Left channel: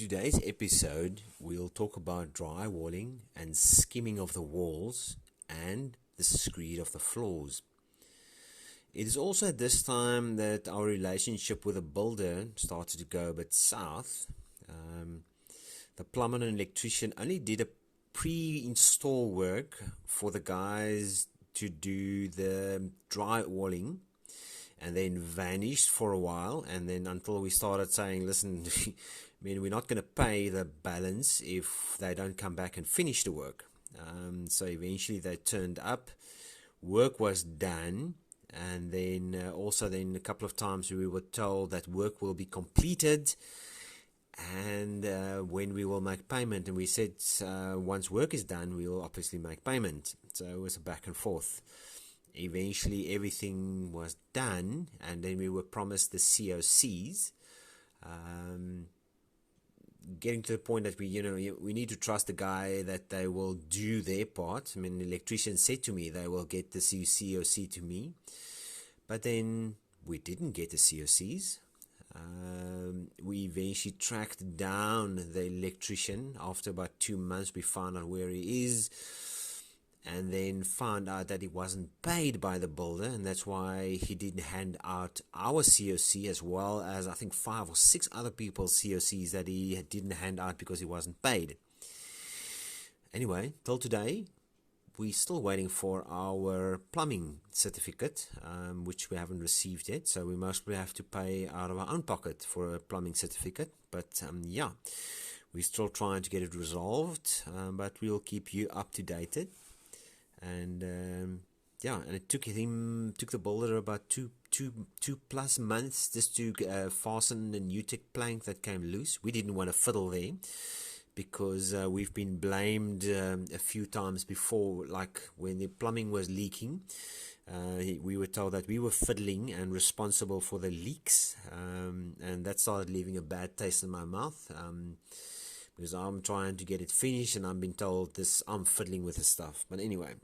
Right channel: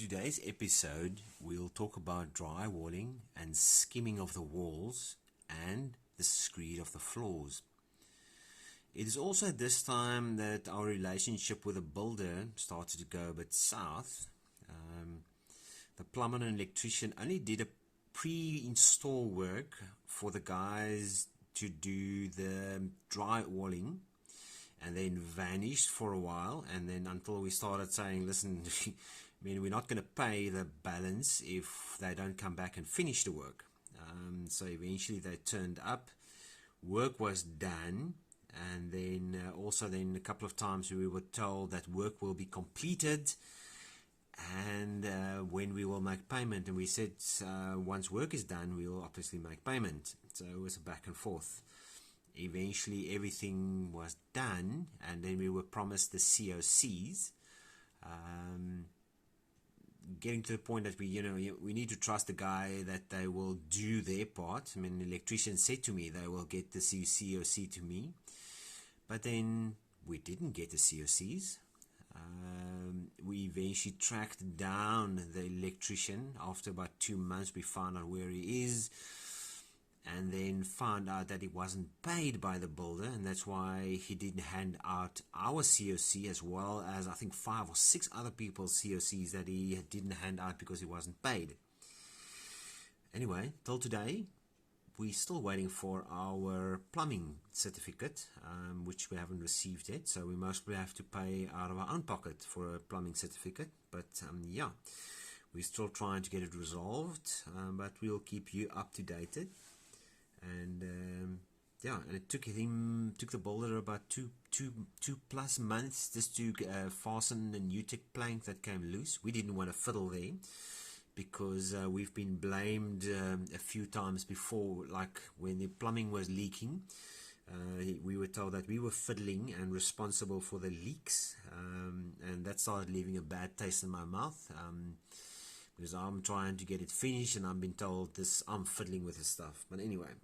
today's episode, we'll talk about drywalling and skimming of the walls and the screed of the floors. It is also at this time that our relationship with the builder started to go a bit south. The plumber and electrician only did a pre-install work for the guys to do the drywalling, and then vanished for a while, and then until we started saying, listen, we're not going to pay the balance if they don't come back and finish the work. So eventually they turned up, work was done, and then also a couple of times we were told that work will be completed and when we will make payment, and we said once work is done we will obviously make payment. So it was a back and forth. Eventually everything was done, and then we were promised the COCs, getting to the point that we need to trust the guy that they will do their part. I mean, the electrician said to me they will get the COC to me, but then we didn't get the COCs. We eventually tracked down the electrician. After about 2 months we found out where he is, and then found out that he wasn't paid by the builder, and that's why he didn't hand out our COC, as well as I think 5 or 6 other people's COCs that he didn't hand out because he wasn't paid. Anyway, till today we're still waiting for our plumbing certificate, which we haven't received yet, so we mostly have to pay out of our own pocket for a plumbing certificate. But yeah, we're still trying to get it resolved, but we'll keep you up to date. And yeah, and it took the builder about two plus months just to fasten the Nutec plank that came loose. We didn't want to fiddle there because we've been blamed a few times before, like when the plumbing was leaking. We were told that we were fiddling and responsible for the leaks, and that started leaving a bad taste in my mouth, because I'm trying to get it finished and I'm being told I'm fiddling with the stuff. But anyway,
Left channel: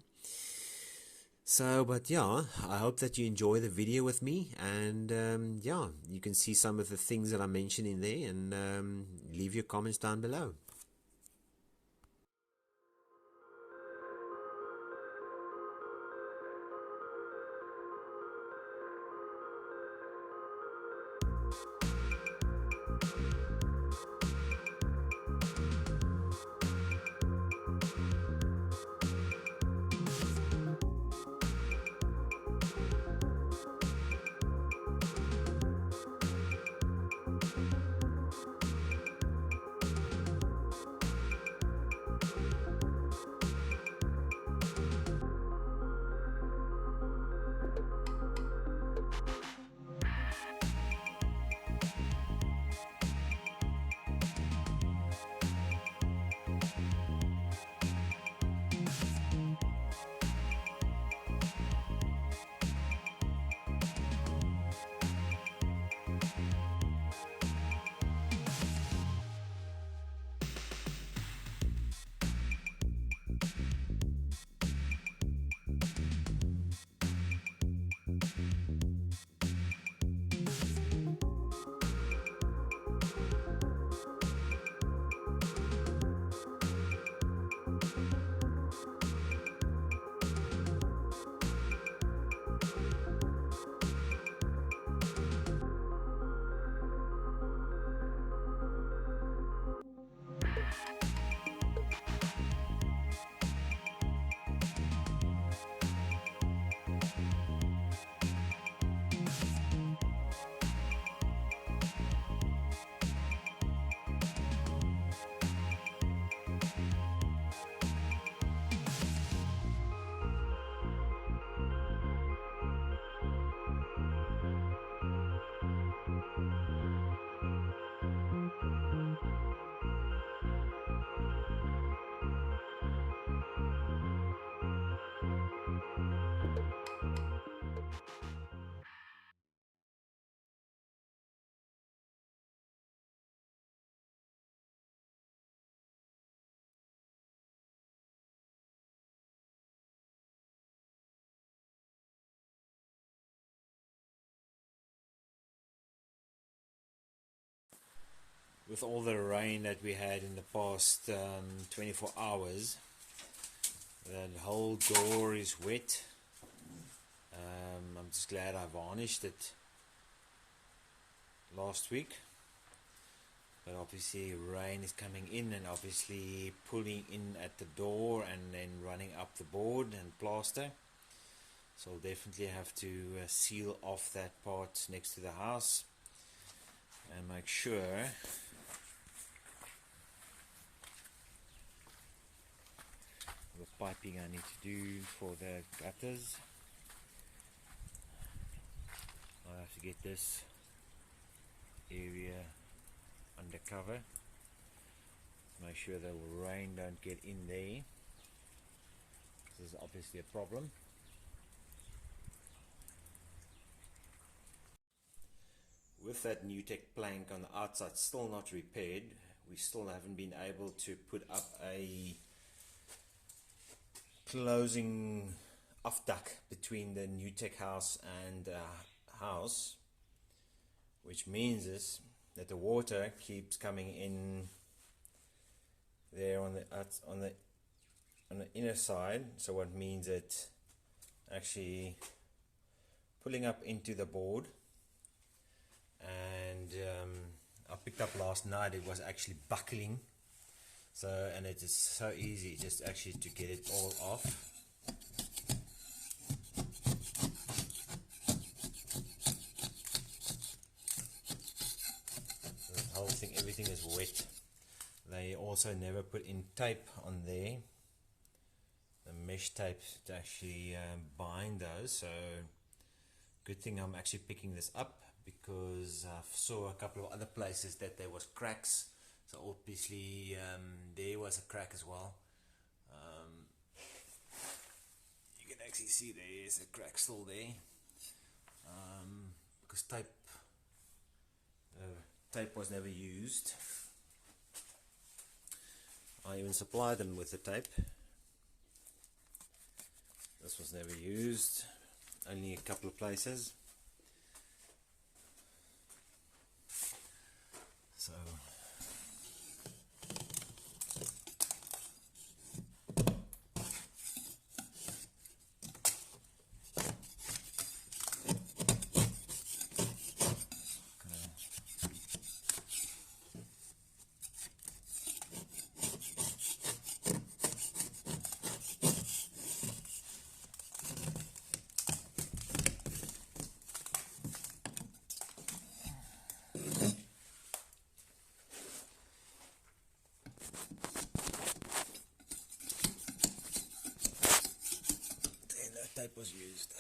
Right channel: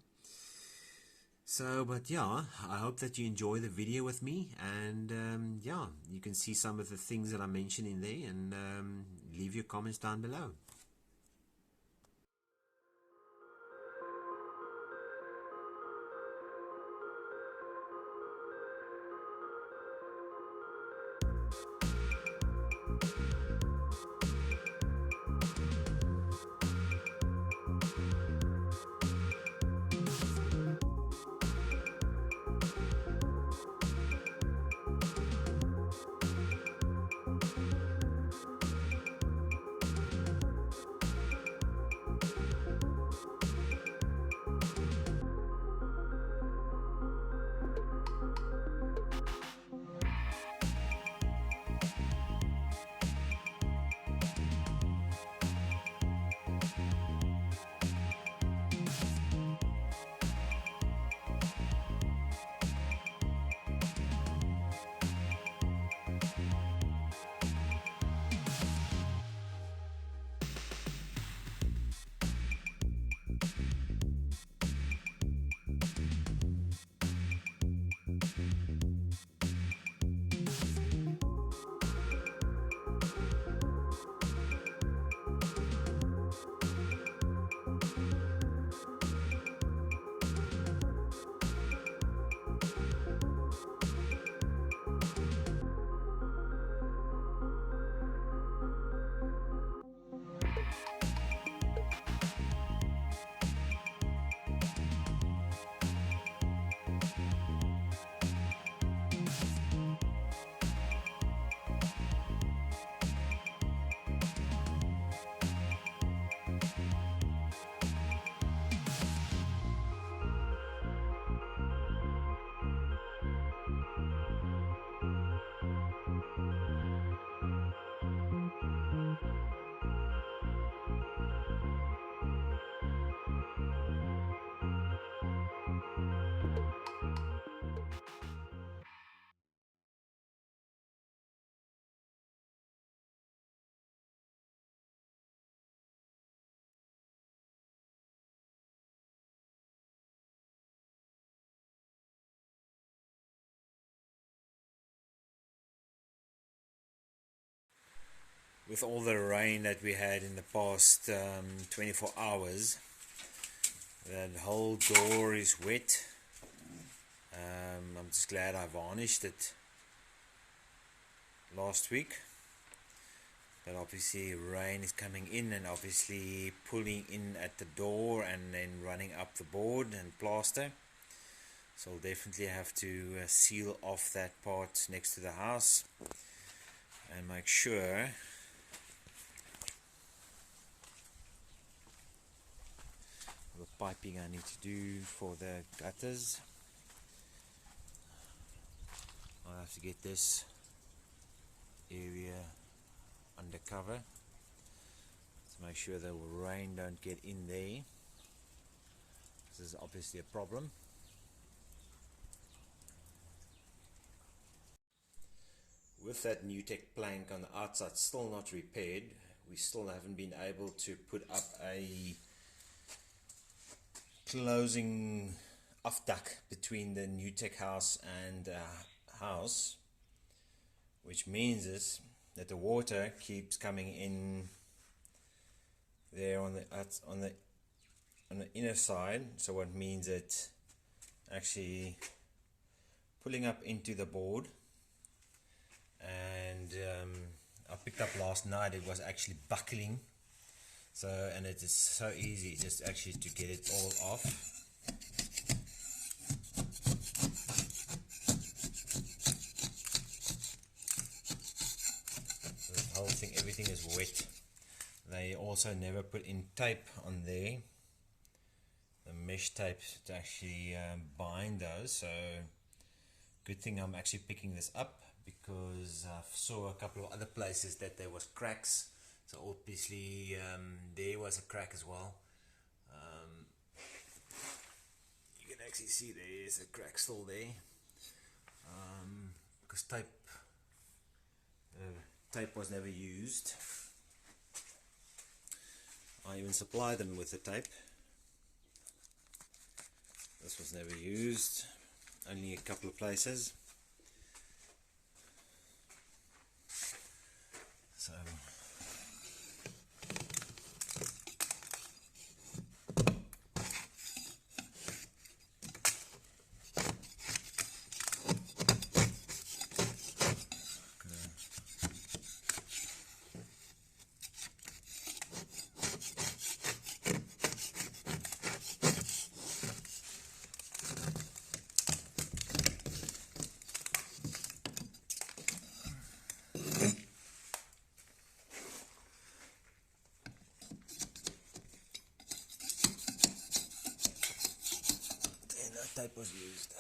but yeah, I hope that you enjoy the video with me, and yeah, you can see some of the things that I mentioned in there, and leave your comments down below. with all the rain that we had in the past 24 hours, that whole door is wet. I'm just glad I varnished it last week, but obviously rain is coming in and obviously pulling in at the door and then running up the board and plaster. So I'll definitely have to seal off that part next to the house and make sure the piping I need to do for the gutters. I'll have to get this area under cover to make sure the rain don't get in there. This is obviously a problem. With that Nutec plank on the outside still not repaired, we still haven't been able to put up a closing off duct between the Nutec house and house, which means is that the water keeps coming in there on the inner side. So what means it actually pulling up into the board, and I picked up last night, it was actually buckling. So, and it is so easy just actually to get it all off. The whole thing, everything is wet. They also never put in tape on there, the mesh tape to actually bind those. So good thing I'm actually picking this up, because I saw a couple of other places that there was cracks. So obviously there was a crack as well. You can actually see there's a crack still there, because tape was never used. I even supplied them with the tape. This was never used, only a couple of places. So tape was used.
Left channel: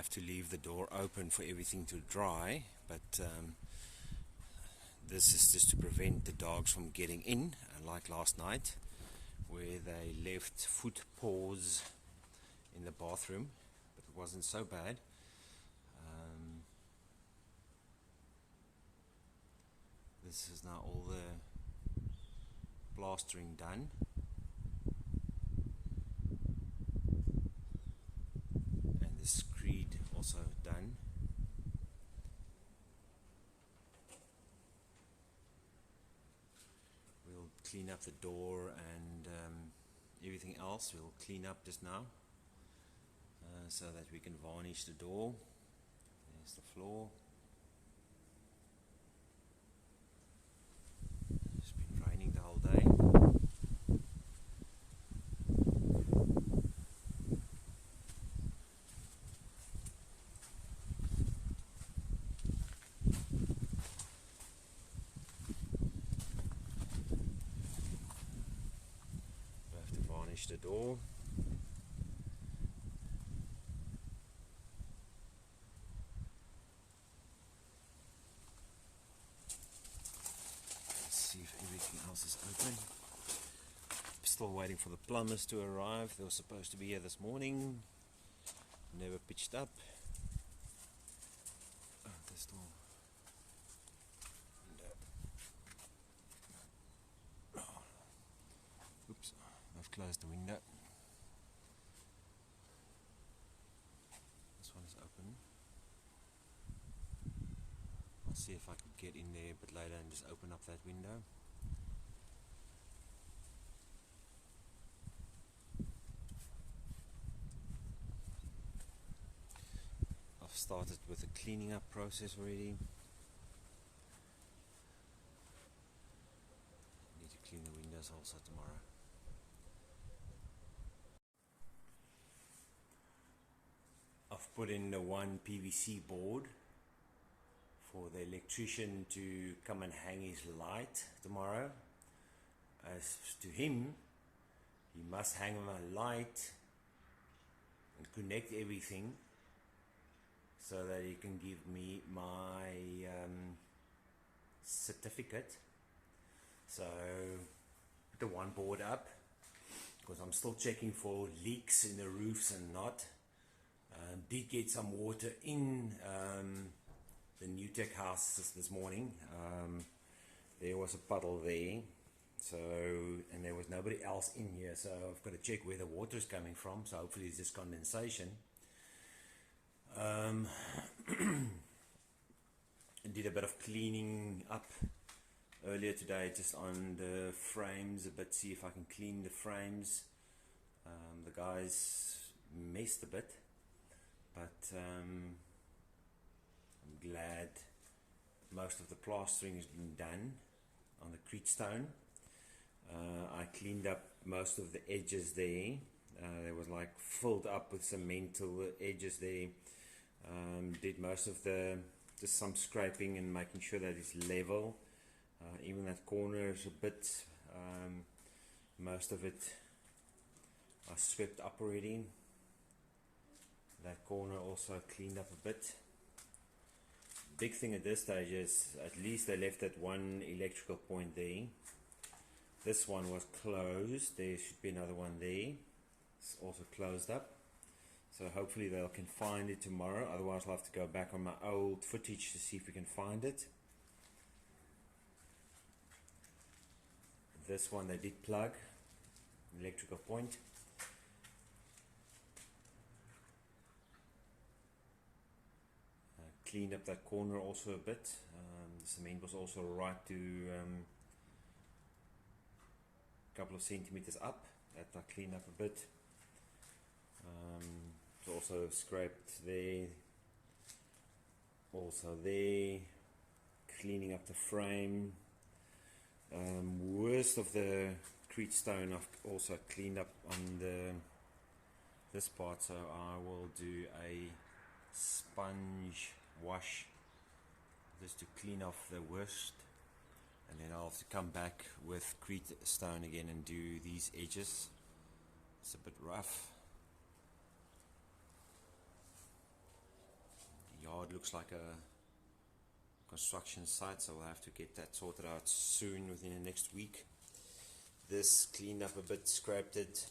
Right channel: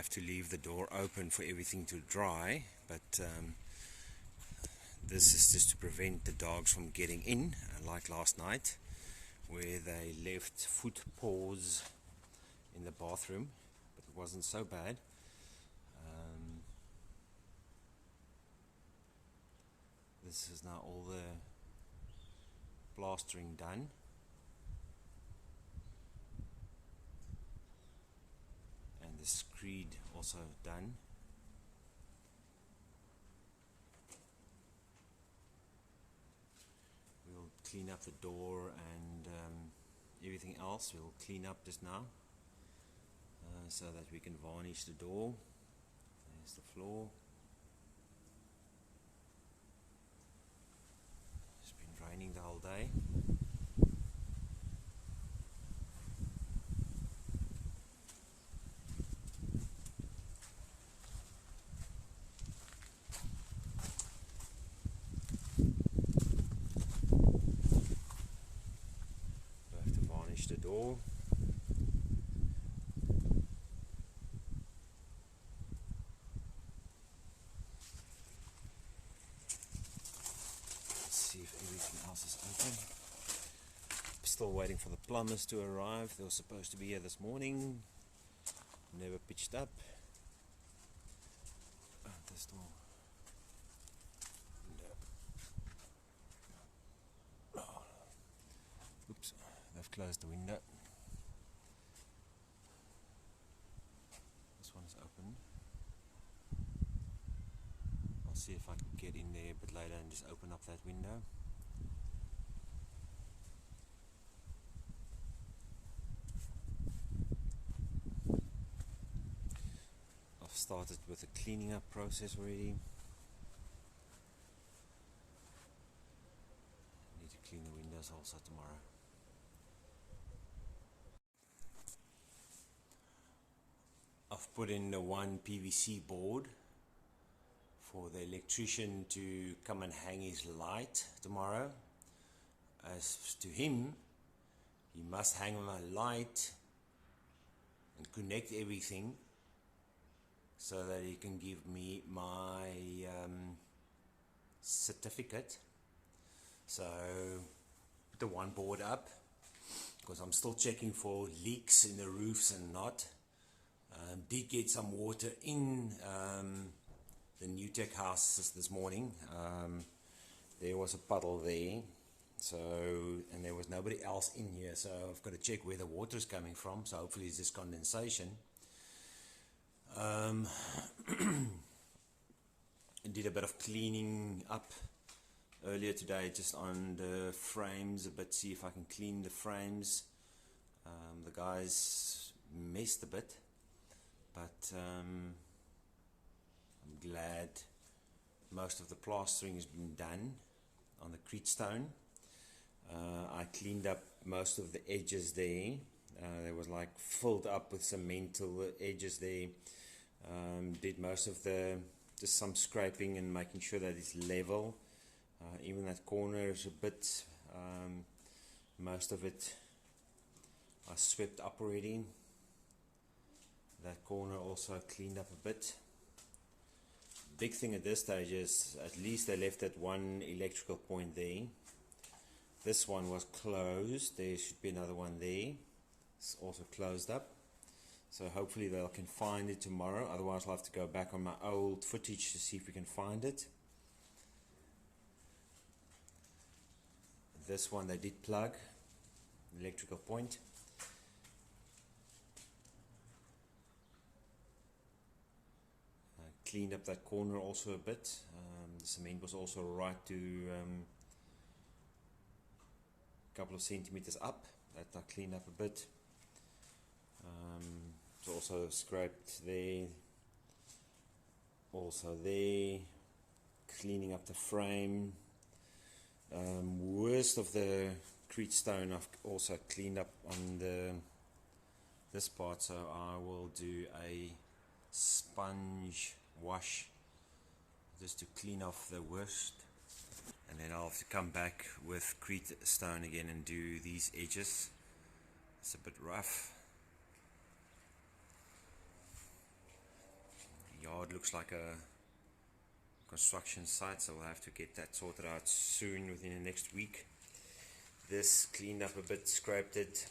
have to leave the door open for everything to dry, but this is just to prevent the dogs from getting in, like last night where they left foot paws in the bathroom, but it wasn't so bad. This is now all the plastering done. And the screed also done. We'll clean up the door and everything else we'll clean up just now, so that we can varnish the door. There's the floor. It's been raining the whole day. We have to varnish the door. See if everything else is open. Still waiting for the plumbers to arrive. They were supposed to be here this morning. Never pitched up. Oh, this door. Oh. Oops, they've closed the window. This one is open. I'll see if I can get in there a bit later and just open up that window. I've started with the cleaning up process already. Need to clean the windows also tomorrow. I've put in the one PVC board for the electrician to come and hang his light tomorrow. As to him, he must hang a light and connect everything so that he can give me my certificate. So put the one board up because I'm still checking for leaks in the roofs and not. Did get some water in the Nutec house this morning. There was a puddle there, so, and there was nobody else in here, so I've got to check where the water is coming from. So hopefully it's just condensation. I did a bit of cleaning up earlier today, just on the frames a bit, see if I can clean the frames. The guys messed a bit, but I'm glad most of the plastering has been done on the screed stone. I cleaned up most of the edges there. There was like filled up with cement till the edges there. Did most of the, just some scraping and making sure that it's level. Even that corner is a bit, most of it I swept up already. That corner also cleaned up a bit. Big thing at this stage is at least they left that one electrical point there. This one was closed. There should be another one there. It's also closed up. So hopefully they can find it tomorrow. Otherwise I'll have to go back on my old footage to see if we can find it. This one they did plug, electrical point. Cleaned up that corner also a bit. The cement was also right to a couple of centimeters up. That I cleaned up a bit. It's also scraped there. Also there. Cleaning up the frame. Worst of the screed stone I've also cleaned up on this part, so I will do a sponge wash just to clean off the worst, and then I'll have to come back with screed stone again and do these edges. It's a bit rough. yard looks like a construction site, so we'll have to get that sorted out soon, within the next week. This cleaned up a bit, scraped it.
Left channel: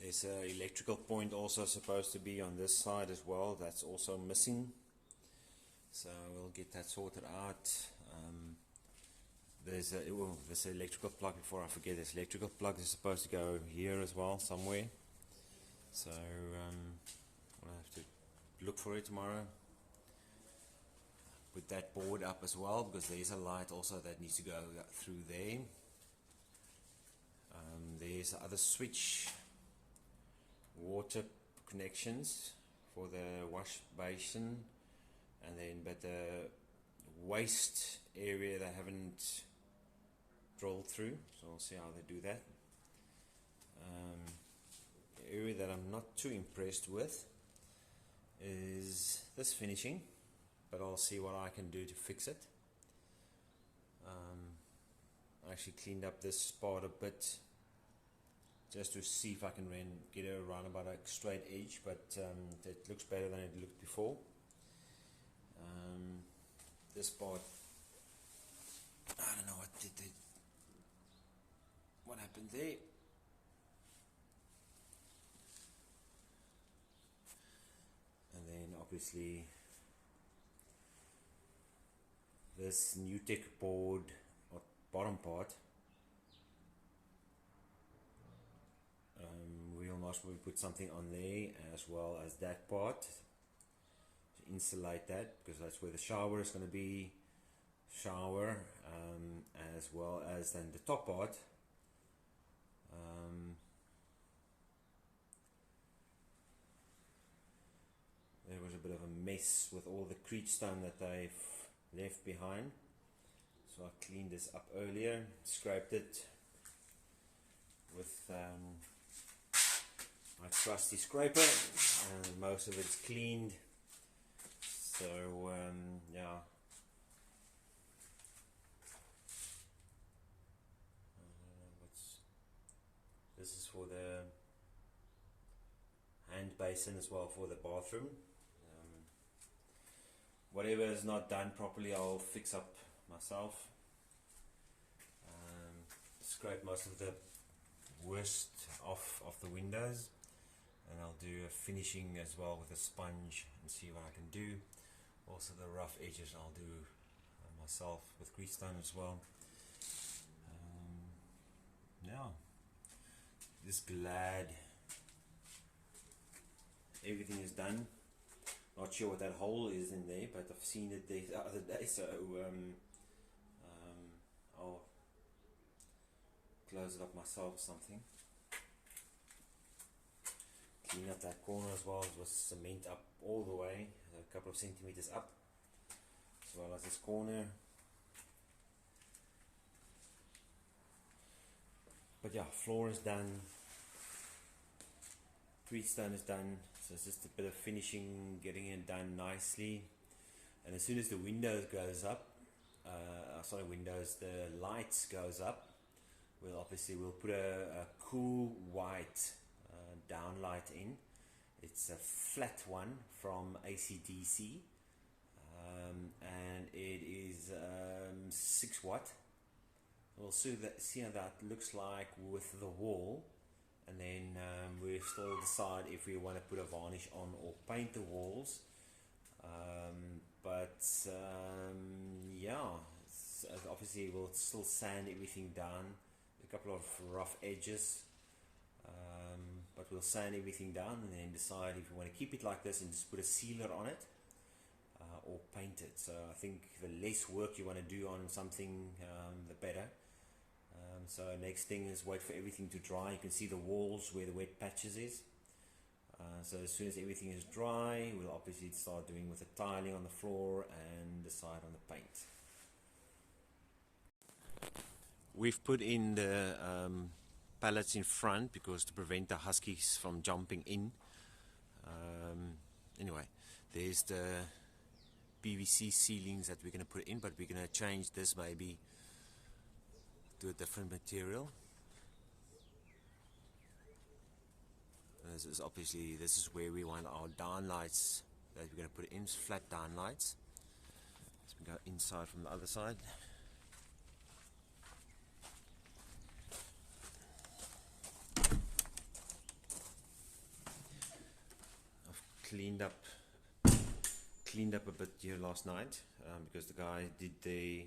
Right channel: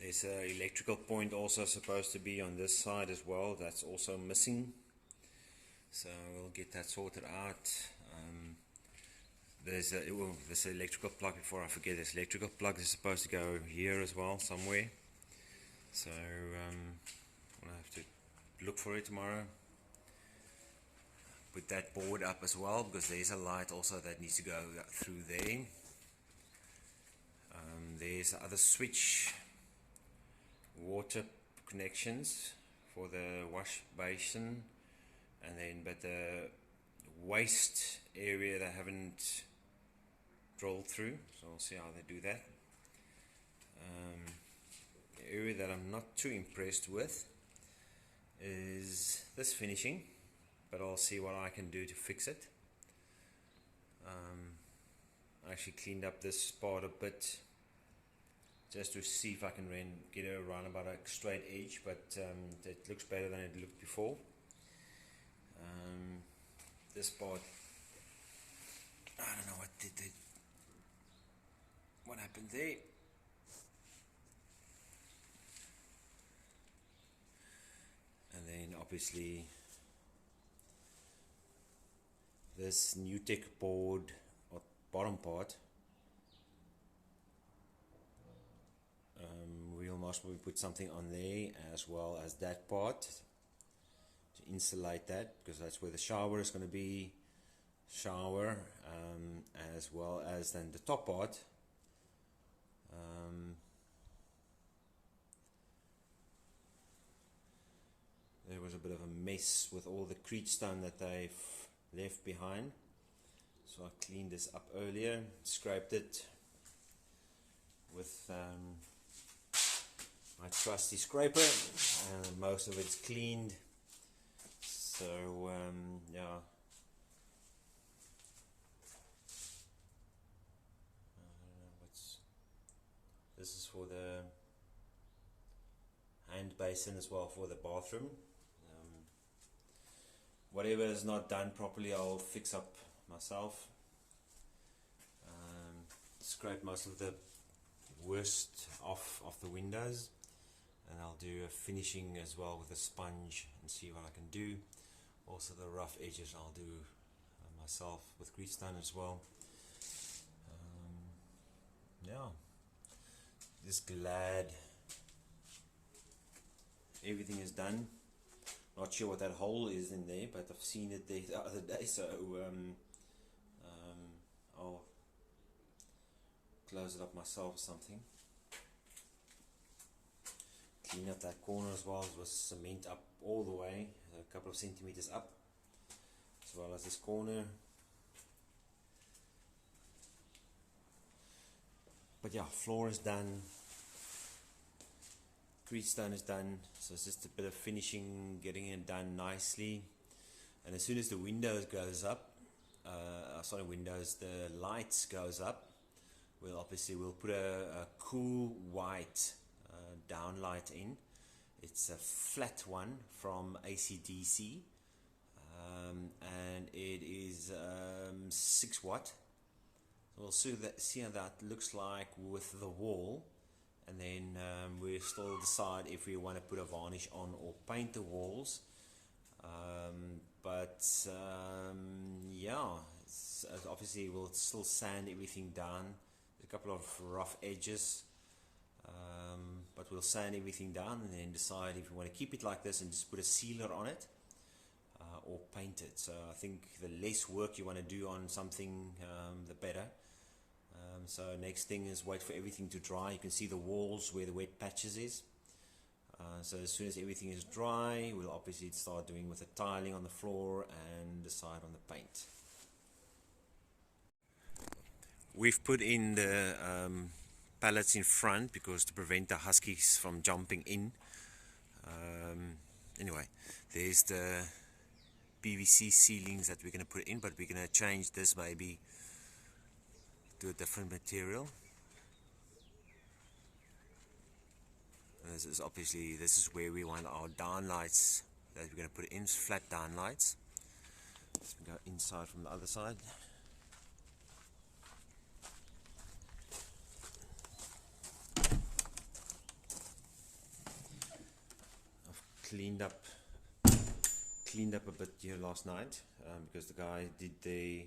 There's an electrical point also supposed to be on this side as well, that's also missing, so we'll get that sorted out. There's this electrical plug, before I forget, this electrical plug is supposed to go here as well somewhere, so we'll have to look for it tomorrow. Put that board up as well, because there's a light also that needs to go through there. There's the other switch, water connections for the wash basin, and then but the waste area they haven't drilled through, so we'll see how they do that. The area that I'm not too impressed with is this finishing, but I'll see what I can do to fix it. I actually cleaned up this part a bit just to see if I can get it around about a straight edge, but it looks better than it looked before. This part, I don't know what happened there. And then obviously this Nutec board or bottom part, we'll most probably put something on there, as well as that part to insulate that, because that's where the shower is going to be, as well as then the top part. There was a bit of a mess with all the creed stone that they've left behind, so I cleaned this up earlier, scraped it with my trusty scraper, and most of it's cleaned, so yeah. This is for the hand basin as well for the bathroom. Whatever is not done properly, I'll fix up myself. Scrape most of the worst off the windows, and I'll do a finishing as well with a sponge and see what I can do. Also the rough edges I'll do myself with grease stone as well. Yeah, just glad everything is done. Not sure what that hole is in there, but I've seen it there the other day, so I'll close it up myself or something. Clean up that corner as well with cement up all the way, a couple of centimeters up, as well as this corner. But yeah, floor is done, grease stone is done, so it's just a bit of finishing, getting it done nicely. And as soon as the windows goes up, the lights goes up, we'll put a cool white downlight in. It's a flat one from ACDC, and it is 6 watt. We'll see how that looks like with the wall, and then we'll still decide if we want to put a varnish on or paint the walls. Yeah, obviously we'll still sand everything down. A couple of rough edges, but we'll sand everything down and then decide if we want to keep it like this and just put a sealer on it, or paint it. So I think the less work you want to do on something, the better. So next thing is wait for everything to dry. You can see the walls where the wet patches is. So as soon as everything is dry, we'll obviously start doing with the tiling on the floor and decide on the paint. We've put in the pallets in front because to prevent the huskies from jumping in. Anyway, there's the PVC ceilings that we're going to put in, but we're going to change this maybe to a different material. This is obviously, this is where we want our down lights that we're going to put in, flat down lights. Let's go inside from the other side. I've cleaned up a bit here last night because the guy did the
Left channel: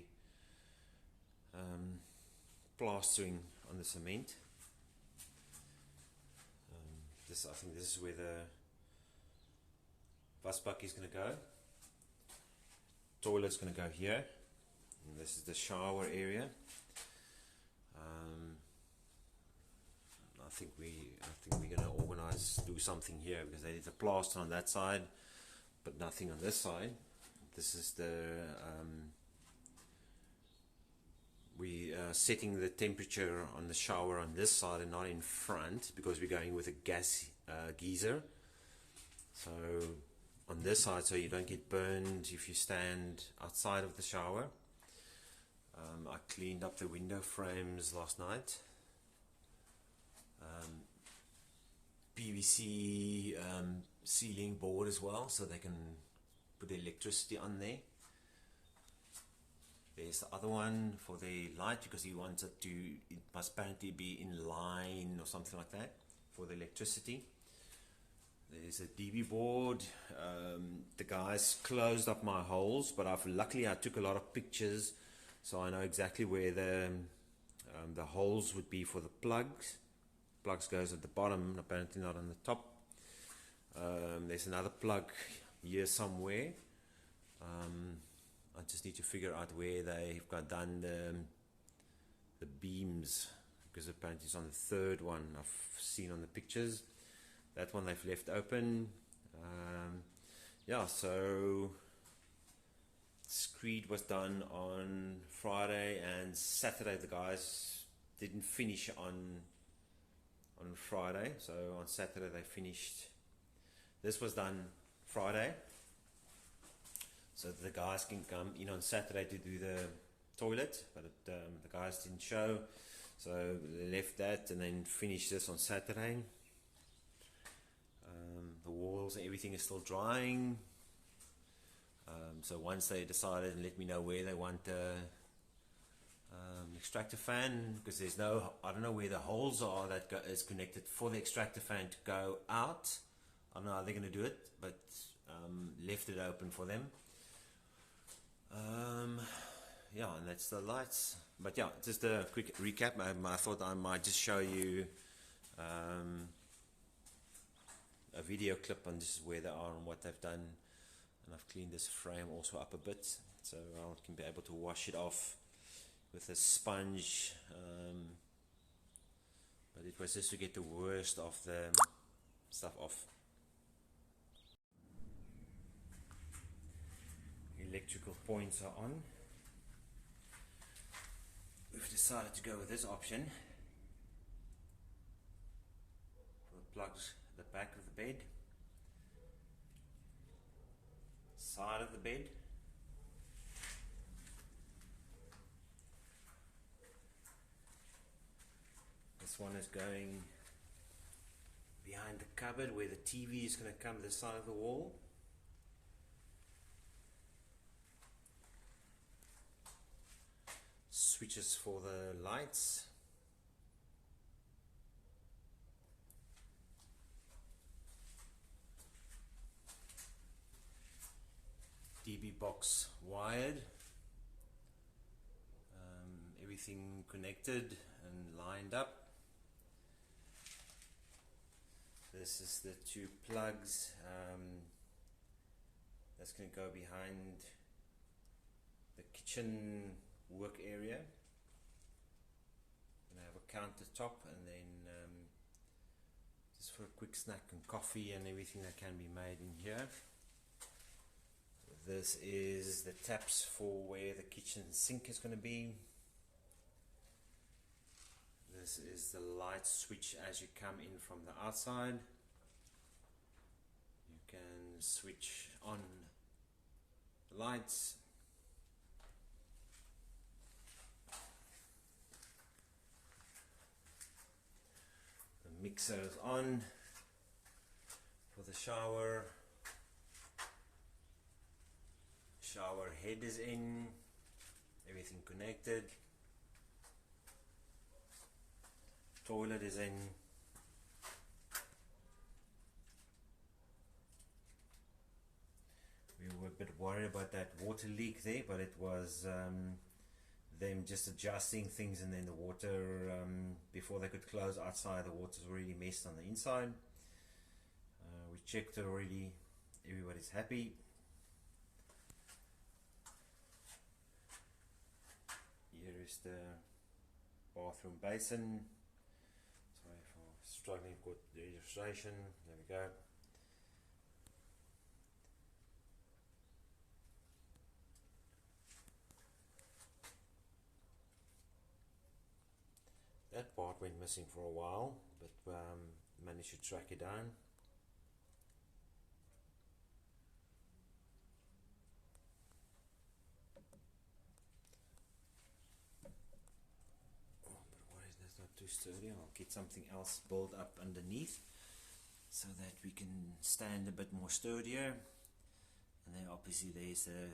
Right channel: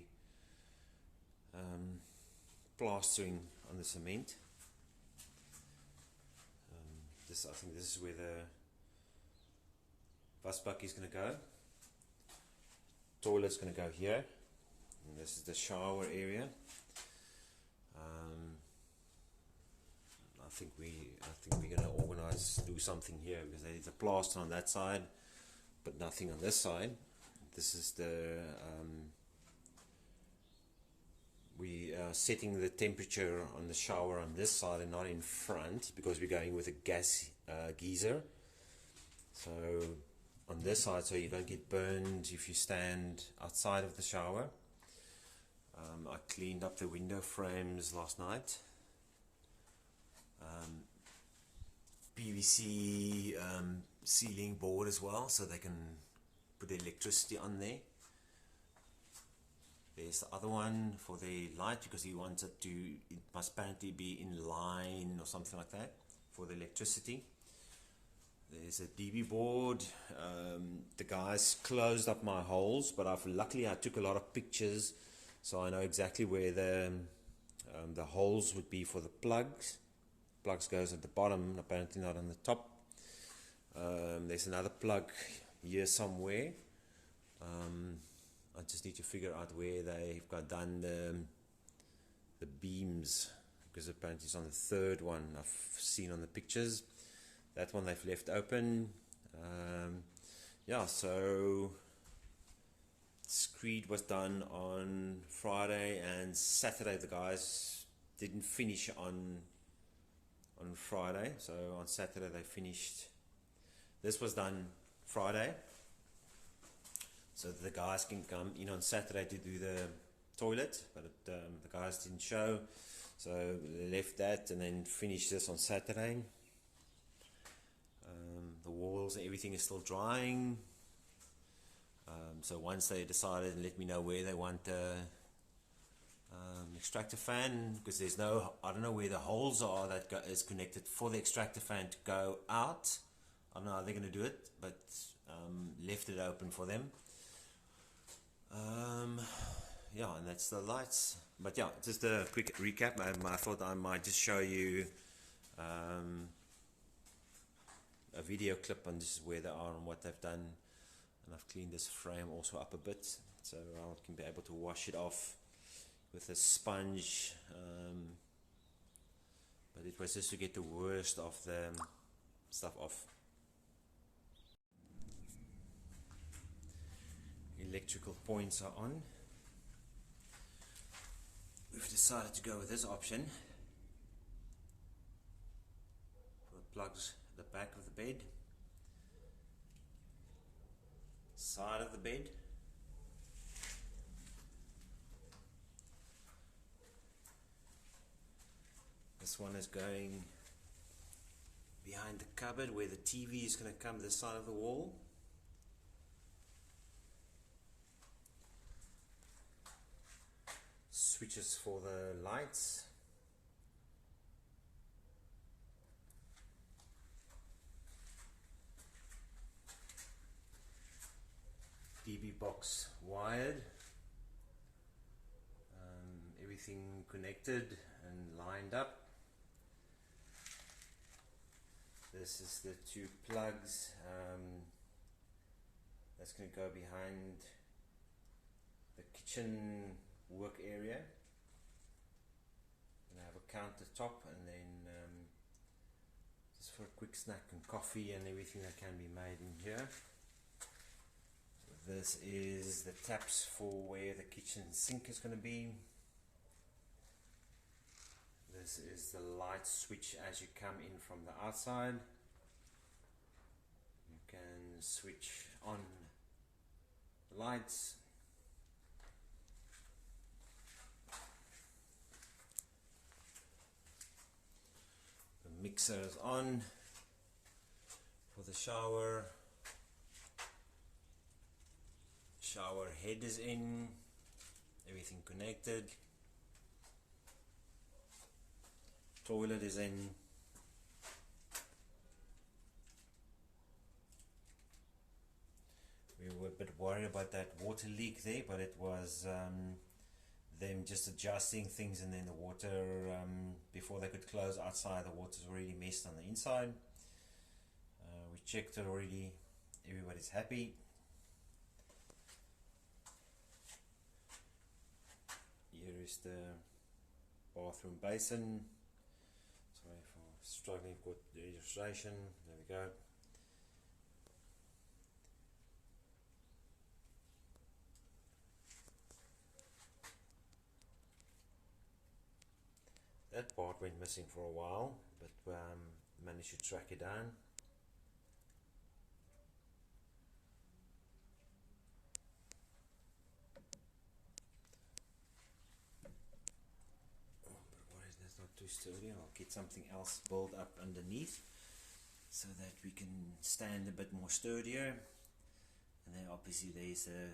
plastering on the cement. I think this is where the wasbak is going to go. Toilet's going to go here, and this is the shower area. I think we're going to do something here because there is a plaster on that side, but nothing on this side. This is the we are setting the temperature on the shower on this side and not in front because we're going with a gas geyser. So on this side, so you don't get burned if you stand outside of the shower. I cleaned up the window frames last night. PVC ceiling board as well, so they can put the electricity on there. There's the other one for the light because he wants it to, it must apparently be in line or something like that for the electricity. There's a DB board. The guys closed up my holes, but luckily I took a lot of pictures, so I know exactly where the holes would be for the plugs. Plugs goes at the bottom, apparently not on the top. There's another plug here somewhere. I just need to figure out where they've got done the beams, because apparently it's on the third one I've seen on the pictures. That one they've left open. Yeah, so screed was done on Friday and Saturday. The guys didn't finish on Friday, so on Saturday they finished. This was done Friday, so the guys can come in on Saturday to do the toilet, but the guys didn't show, so they left that and then finished this on Saturday. The walls and everything is still drying, so once they decided and let me know where they want extractor fan, because there's no, I don't know where the holes are that is connected for the extractor fan to go out. I don't know how they're going to do it, but left it open for them. Yeah, and that's the lights. But yeah, just a quick recap. I thought I might just show you a video clip on just where they are and what they've done. And I've cleaned this frame also up a bit, so I can be able to wash it off with a sponge. But it was just to get the worst of the stuff off. Electrical points are on. We've decided to go with this option for the plugs at the back of the bed, side of the bed, this one is going behind the cupboard where the TV is going to come this side of the wall. Switches for the lights. DB box wired. Everything connected and lined up. This is the two plugs. That's going to go behind the kitchen work area, and I have a countertop, and then just for a quick snack and coffee and everything that can be made in here. This is the taps for where the kitchen sink is going to be. This is the light switch as you come in from the outside. You can switch on the lights. Mixer is on. For the shower head is in, everything connected. Toilet is in. We were a bit worried about that water leak there, but it was them just adjusting things, and then the water, before they could close outside, the water's already messed on the inside. We checked it already, everybody's happy. Here is the bathroom basin. Sorry for struggling with the illustration. There we go. That part went missing for a while, but managed to track it down. That's not too sturdy. I'll get something else built up underneath so that we can stand a bit more sturdier. And then obviously there's the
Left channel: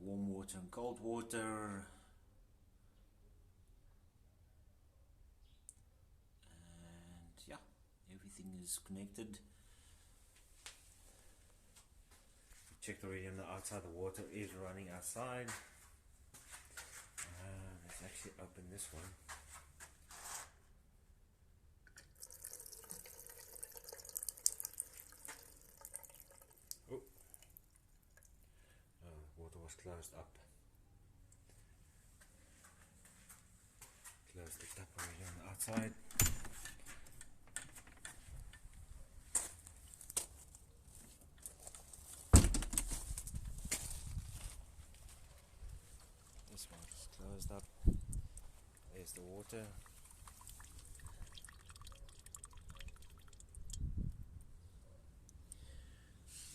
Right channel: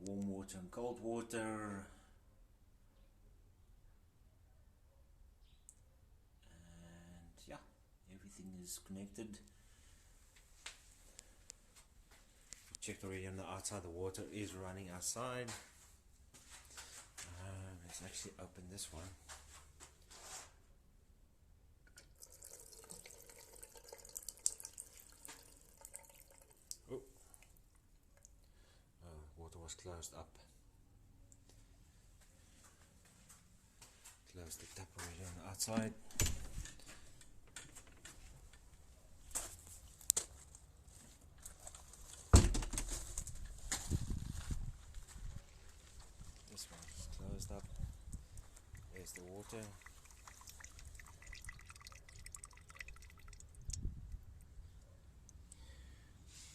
warm water and cold water, and yeah, everything is connected. We checked already on the outside, the water is running outside. Let's actually open this one. Water was closed up. Close the tap already on the outside. This one is closed up. There's the water.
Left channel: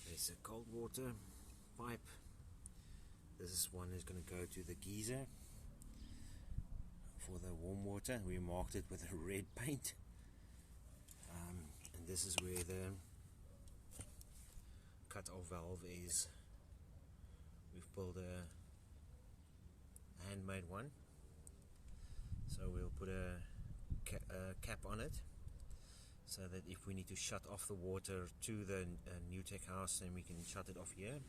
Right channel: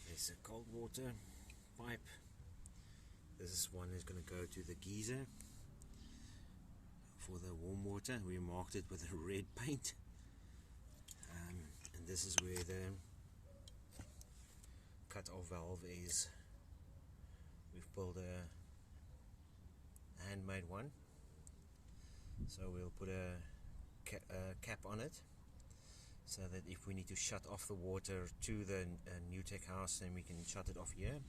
There's a cold water pipe. This one is going to go to the geyser for the warm water. We marked it with a red paint, and this is where the cut-off valve is. We've built a handmade one, so we'll put a cap on it, so that if we need to shut off the water to the Nutec house, then we can shut it off here.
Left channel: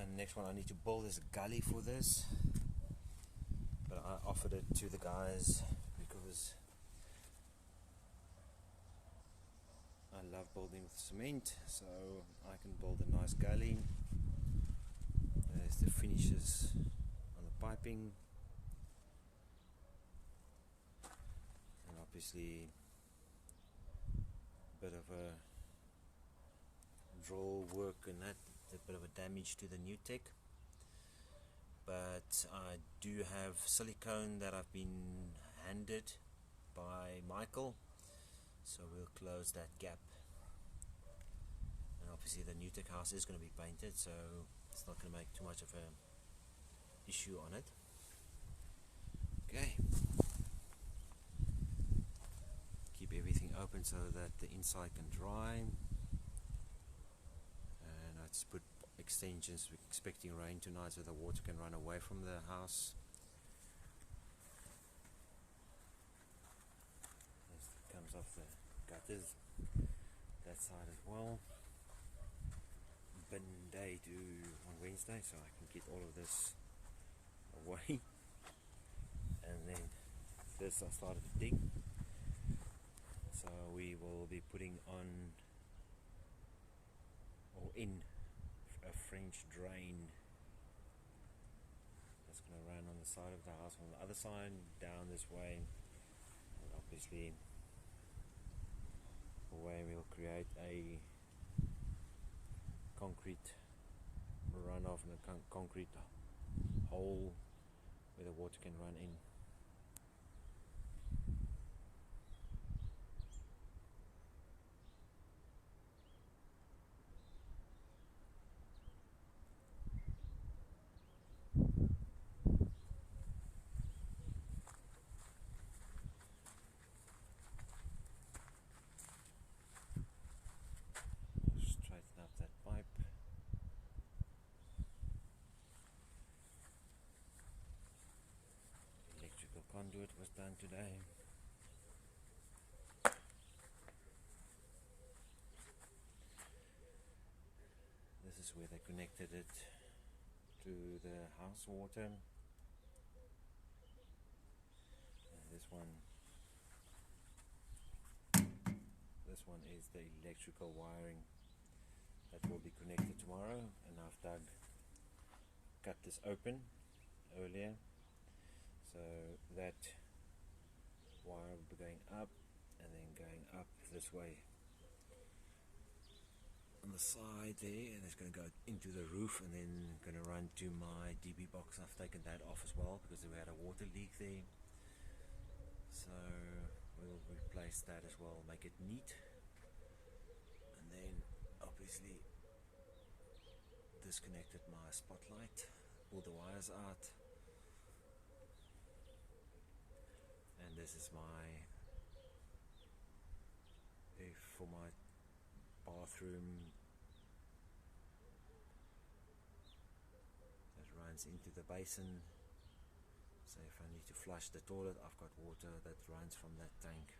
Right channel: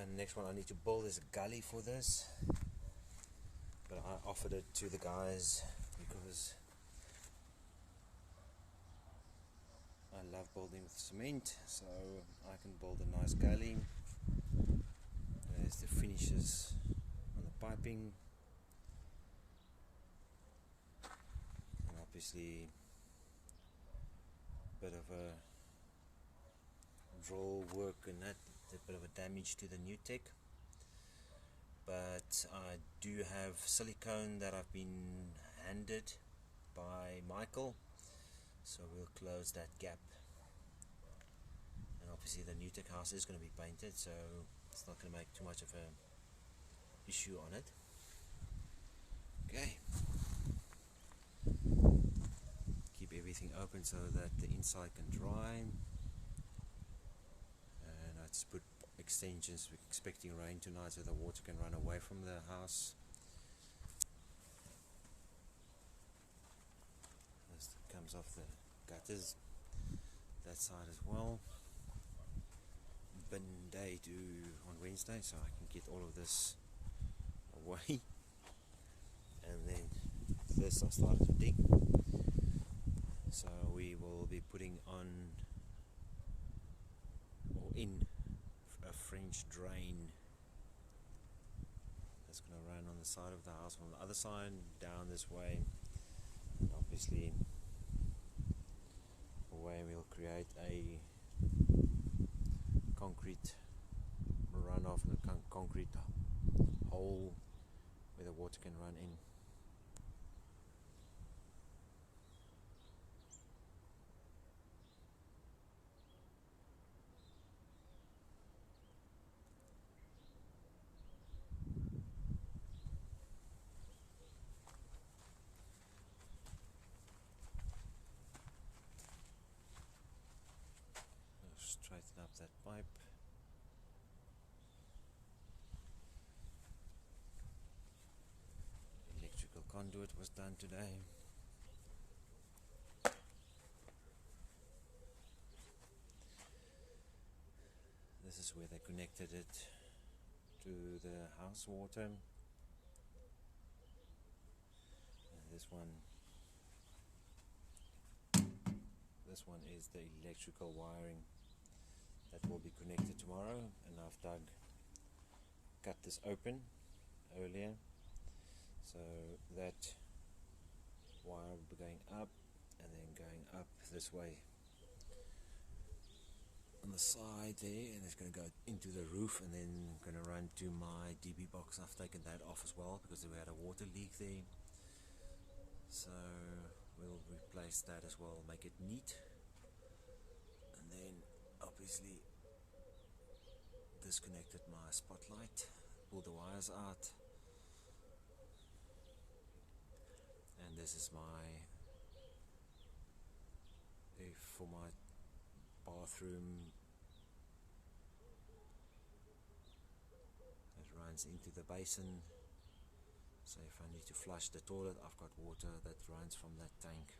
And next one I need to build is a gully for this, but I offered it to the guys because I love building with cement, so I can build a nice gully. There's the finishes on the piping, and obviously a bit of a drill work and that, a bit of a damage to the Nutec, but I do have silicone that I've been handed by Michael, so we'll close that gap. And obviously the Nutec house is going to be painted, so it's not going to make too much of a issue on it. Okay, keep everything open so that the inside can dry. I just put extensions, we're expecting rain tonight, so the water can run away from the house. This comes off the gutters, that side as well. Bin day on Wednesday, so I can get all of this away. And then this I started to dig, so we will be putting on or in a French drain that's going to run on the side of the house from the other side down this way. And obviously away we'll create a concrete runoff and a concrete hole where the water can run in. conduit was done today. This is where they connected it to the house water. And this one is the electrical wiring that will be connected tomorrow, and I've cut this open earlier, so that wire will be going up and then going up this way on the side there, and it's going to go into the roof and then going to run to my DB box. I've taken that off as well because we had a water leak there, so we'll replace that as well, make it neat. And then obviously disconnected my spotlight, pull the wires out, and this is for my bathroom. It runs into the basin, so if I need to flush the toilet, I've got water that runs from that tank.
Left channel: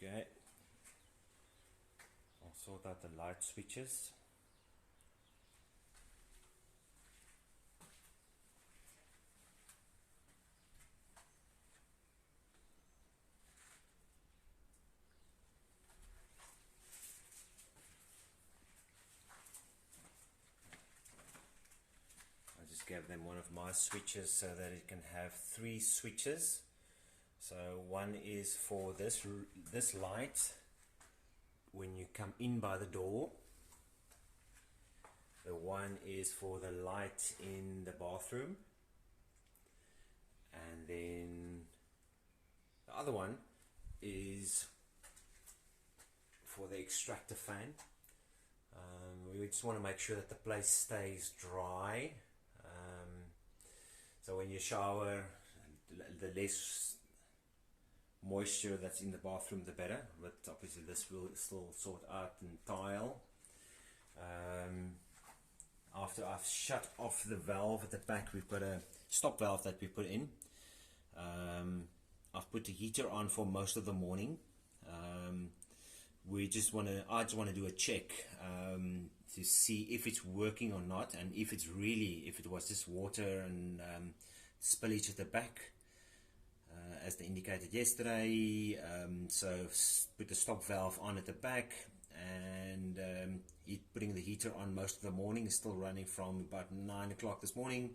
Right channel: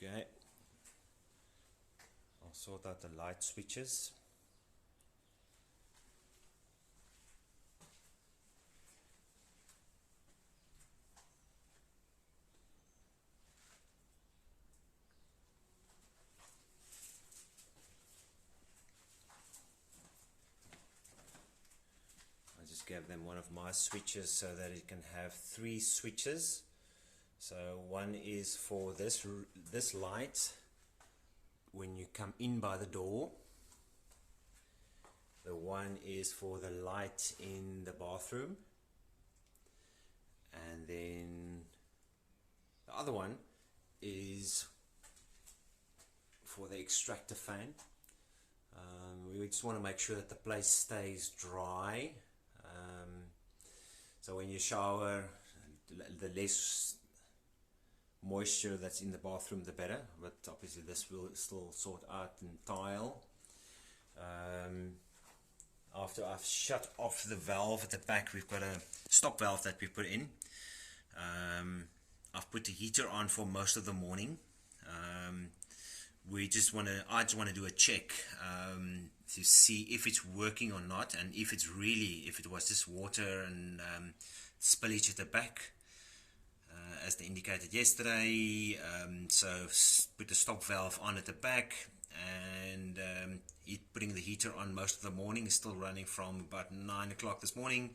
Okay, I'll sort out the light switches. I just gave them one of my switches so that it can have 3 switches. So one is for this light when you come in by the door. The one is for the light in the bathroom, and then the other one is for the extractor fan. We just want to make sure that the place stays dry, so when you shower, the less moisture that's in the bathroom the better, but obviously this will still sort out and tile. After I've shut off the valve at the back, we've got a stop valve that we put in. I've put the heater on for most of the morning. I just want to do a check to see if it's working or not, and if it was just water and spillage at the back, as they indicated yesterday. So put the stop valve on at the back, and putting the heater on most of the morning. Is still running from about 9 o'clock this morning,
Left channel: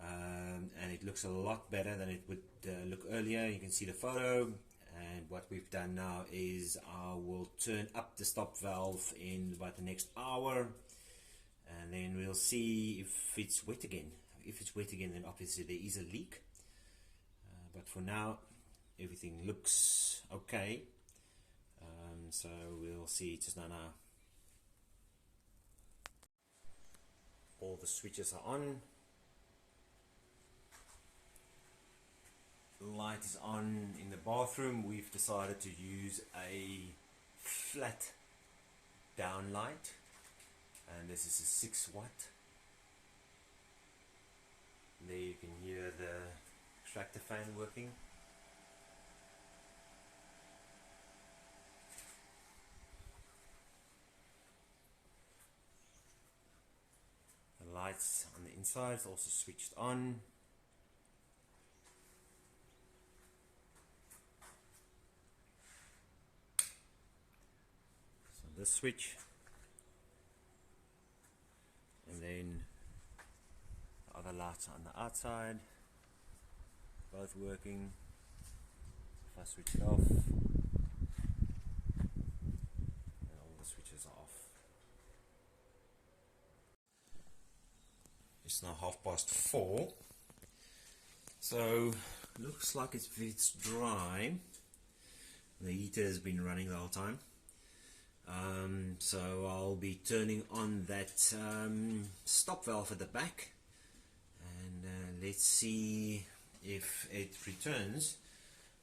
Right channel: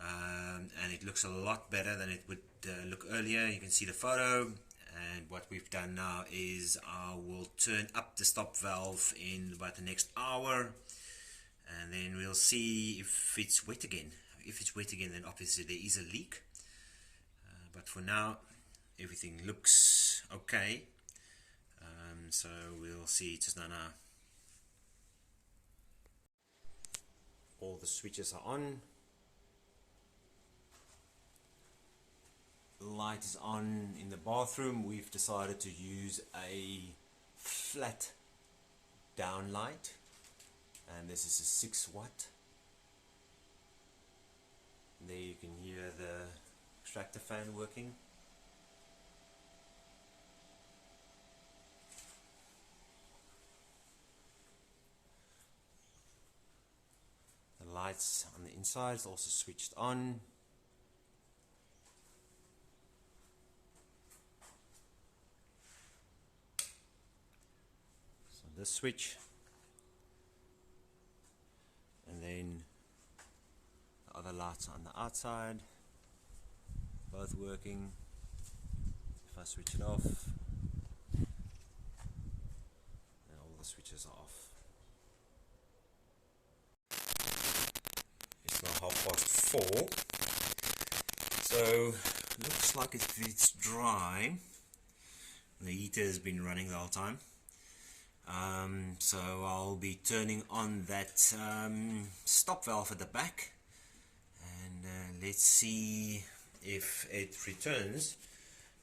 and it looks a lot better than it would look earlier. You can see the photo, and what we've done now is I will turn up the stop valve in about the next hour, and then we'll see if it's wet again. If it's wet again, then obviously there is a leak. But for now, everything looks okay. So we'll see just now. All the switches are on. The light is on in the bathroom. We've decided to use a flat down light, and this is a 6 watt. There you can hear the extractor fan working. The lights on the inside is also switched on. the switch, and then the other lights on the outside, both working. If I switch it off, and all the switches are off. It's now 4:30, so looks like it's dry. The heater has been running the whole time, so I'll be turning on that stop valve at the back, and let's see if it returns,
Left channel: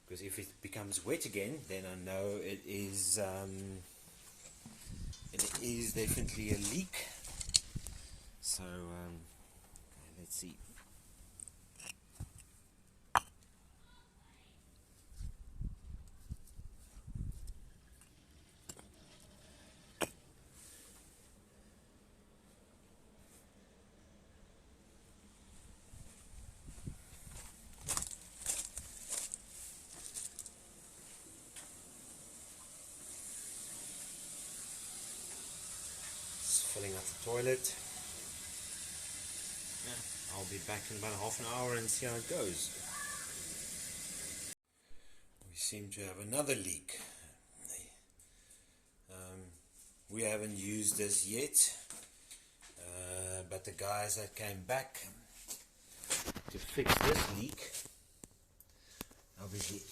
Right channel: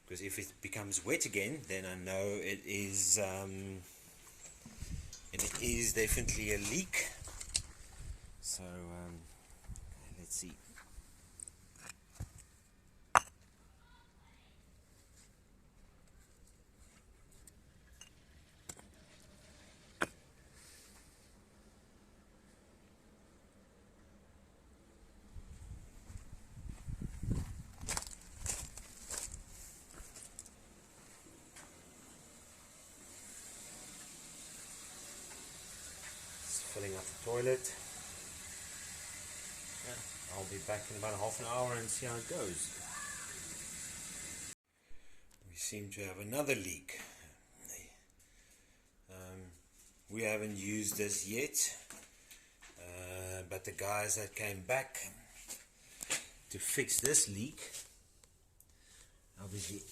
because if it becomes wet again, then I know it is definitely a leak. So okay, let's see. Filling up the toilet. Yeah, I'll be back in about half an hour and see how it goes. We seem to have another leak. We haven't used this yet, but the guys that came back to fix this leak, obviously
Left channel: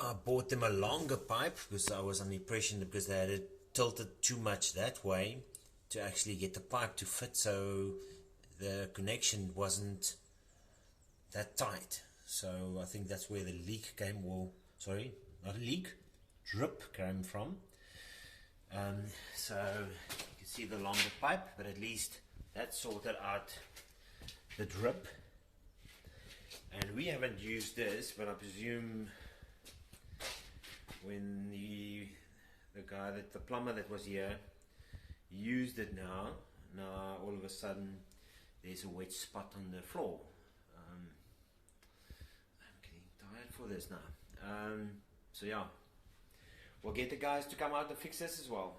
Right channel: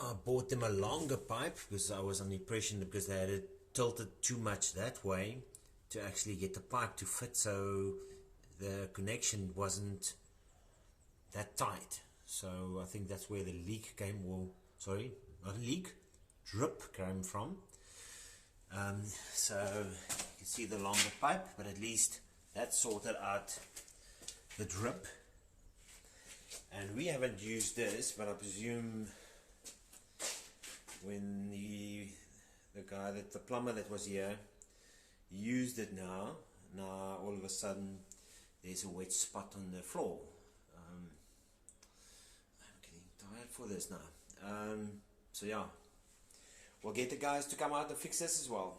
I bought them a longer pipe because I was on the impression that because they had it tilted too much that way to actually get the pipe to fit, so the connection wasn't that tight. So I think that's where the leak came, or sorry, not a leak, drip came from. So you can see the longer pipe, but at least that sorted out the drip. And we haven't used this, but I presume when the guy, the plumber that was here, used it now all of a sudden there's a wet spot on the floor. I'm getting tired for this now. So yeah, we'll get the guys to come out and fix this as well.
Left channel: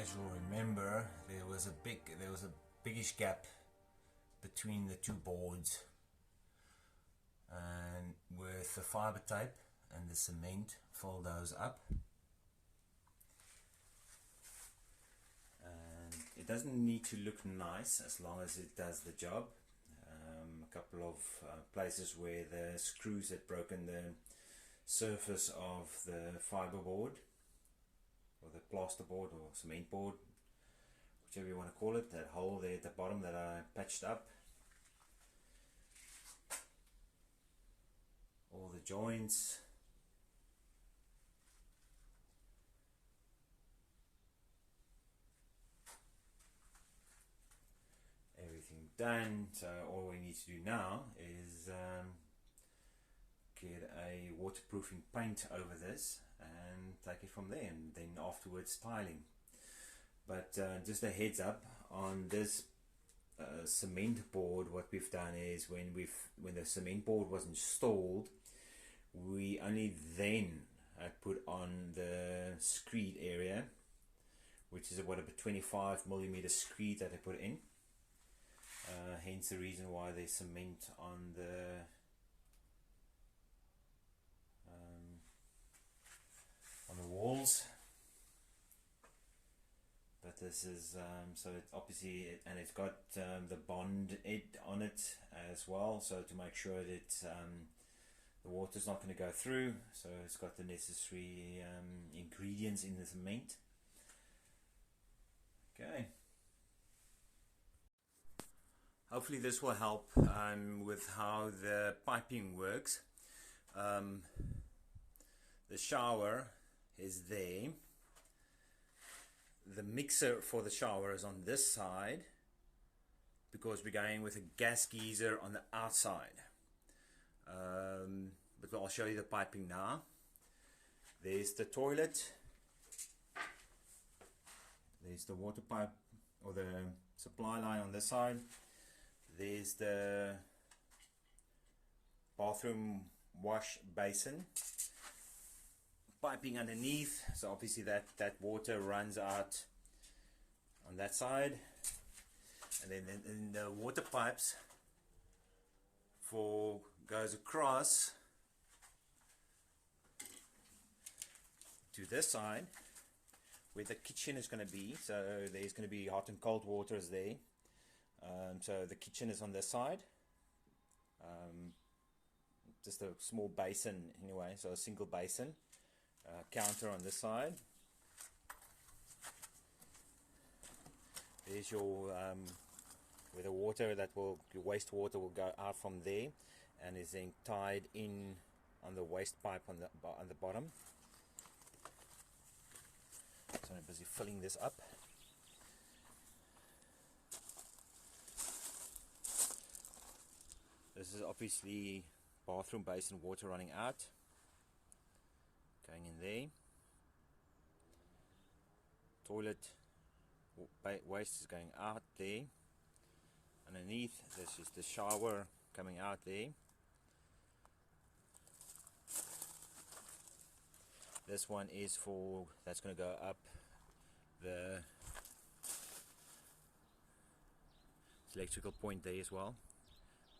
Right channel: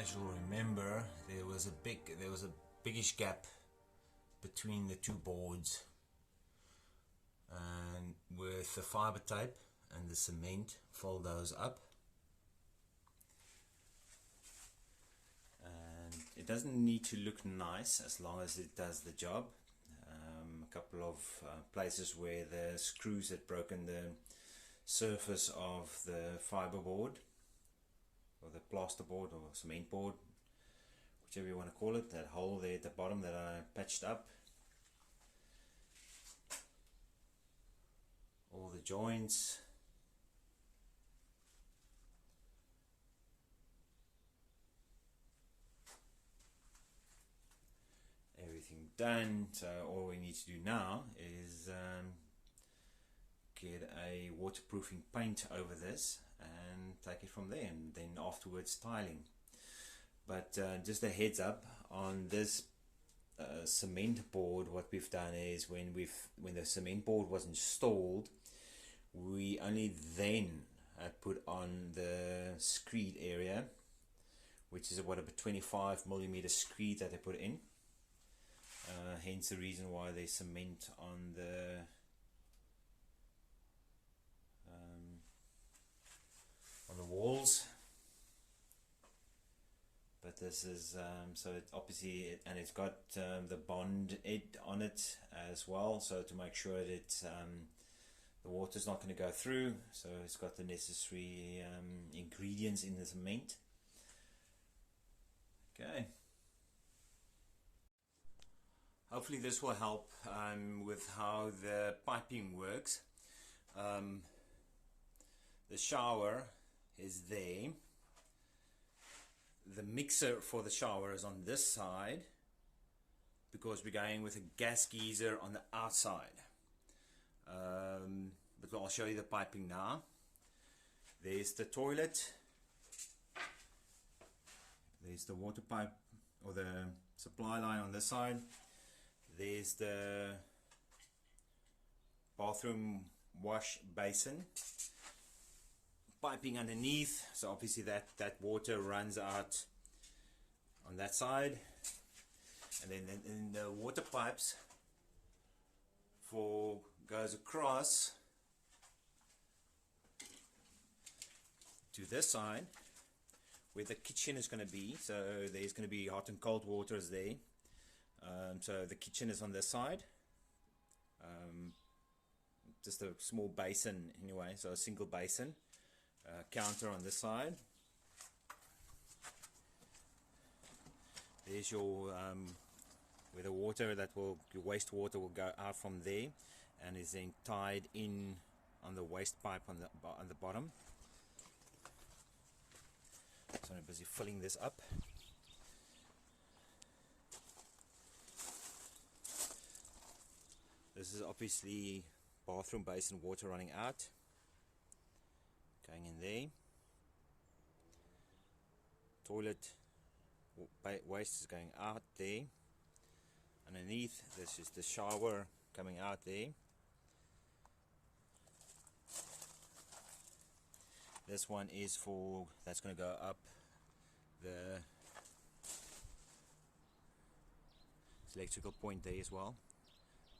As you'll remember, there was a biggish gap between the two boards, and with the fiber tape and the cement, fill those up. And it doesn't need to look nice as long as it does the job. A couple of places where the screws had broken the surface of the fiber board, or the plaster board, or cement board, whichever you want to call it, that hole there at the bottom that I patched up. All the joints. Everything done. So all we need to do now is get a waterproofing paint over this and take it from there, and then afterwards tiling. But just a heads up on this cement board, what we've done is when the cement board was installed, we only then put on the screed area, which is about a 25mm screed that I put in. Hence the reason why there's cement on the walls. But this is so it obviously and it's got the bond on it as well, so to make sure that the water's not going to go through. So it's got the necessary ingredients in the cement. Okay. Hopefully this will help with how the piping works. The shower is there. The mixer for the shower is on this side because we're going with a gas geyser on the outside. But I'll show you the piping now. There's the toilet. There's the water pipe or the supply line on this side. There's the bathroom wash basin. Piping underneath, so obviously that water runs out on that side, and then the water pipes goes across to this side where the kitchen is going to be. So there's going to be hot and cold waters there. So the kitchen is on this side, just a small basin anyway, so a single basin. Counter on this side. There's your where the water your wastewater will go out from there, and is then tied in on the waste pipe on the bottom. So I'm busy filling this up. This is obviously bathroom basin water running out. Going in there. Toilet waste is going out there. Underneath, this is the shower coming out there. This one is that's going to go up the electrical point there as well.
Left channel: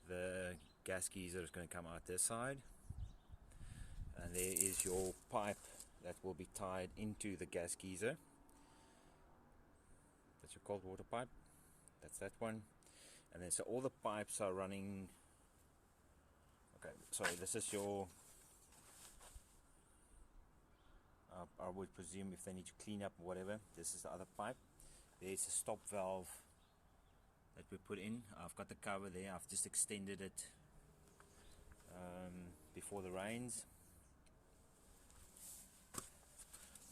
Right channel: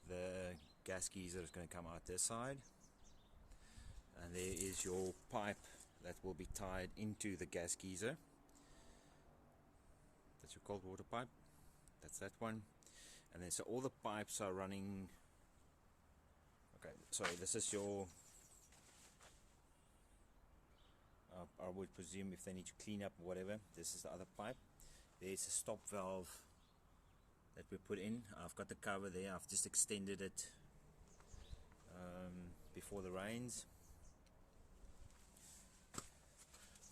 The gas geyser is going to come out this side. And there is your pipe that will be tied into the gas geyser. That's your cold water pipe. That's that one. And then so all the pipes are running. Okay, sorry, this is your I would presume if they need to clean up or whatever, this is the other pipe. There's a stop valve that we put in. I've got the cover there. I've just extended it before the rains.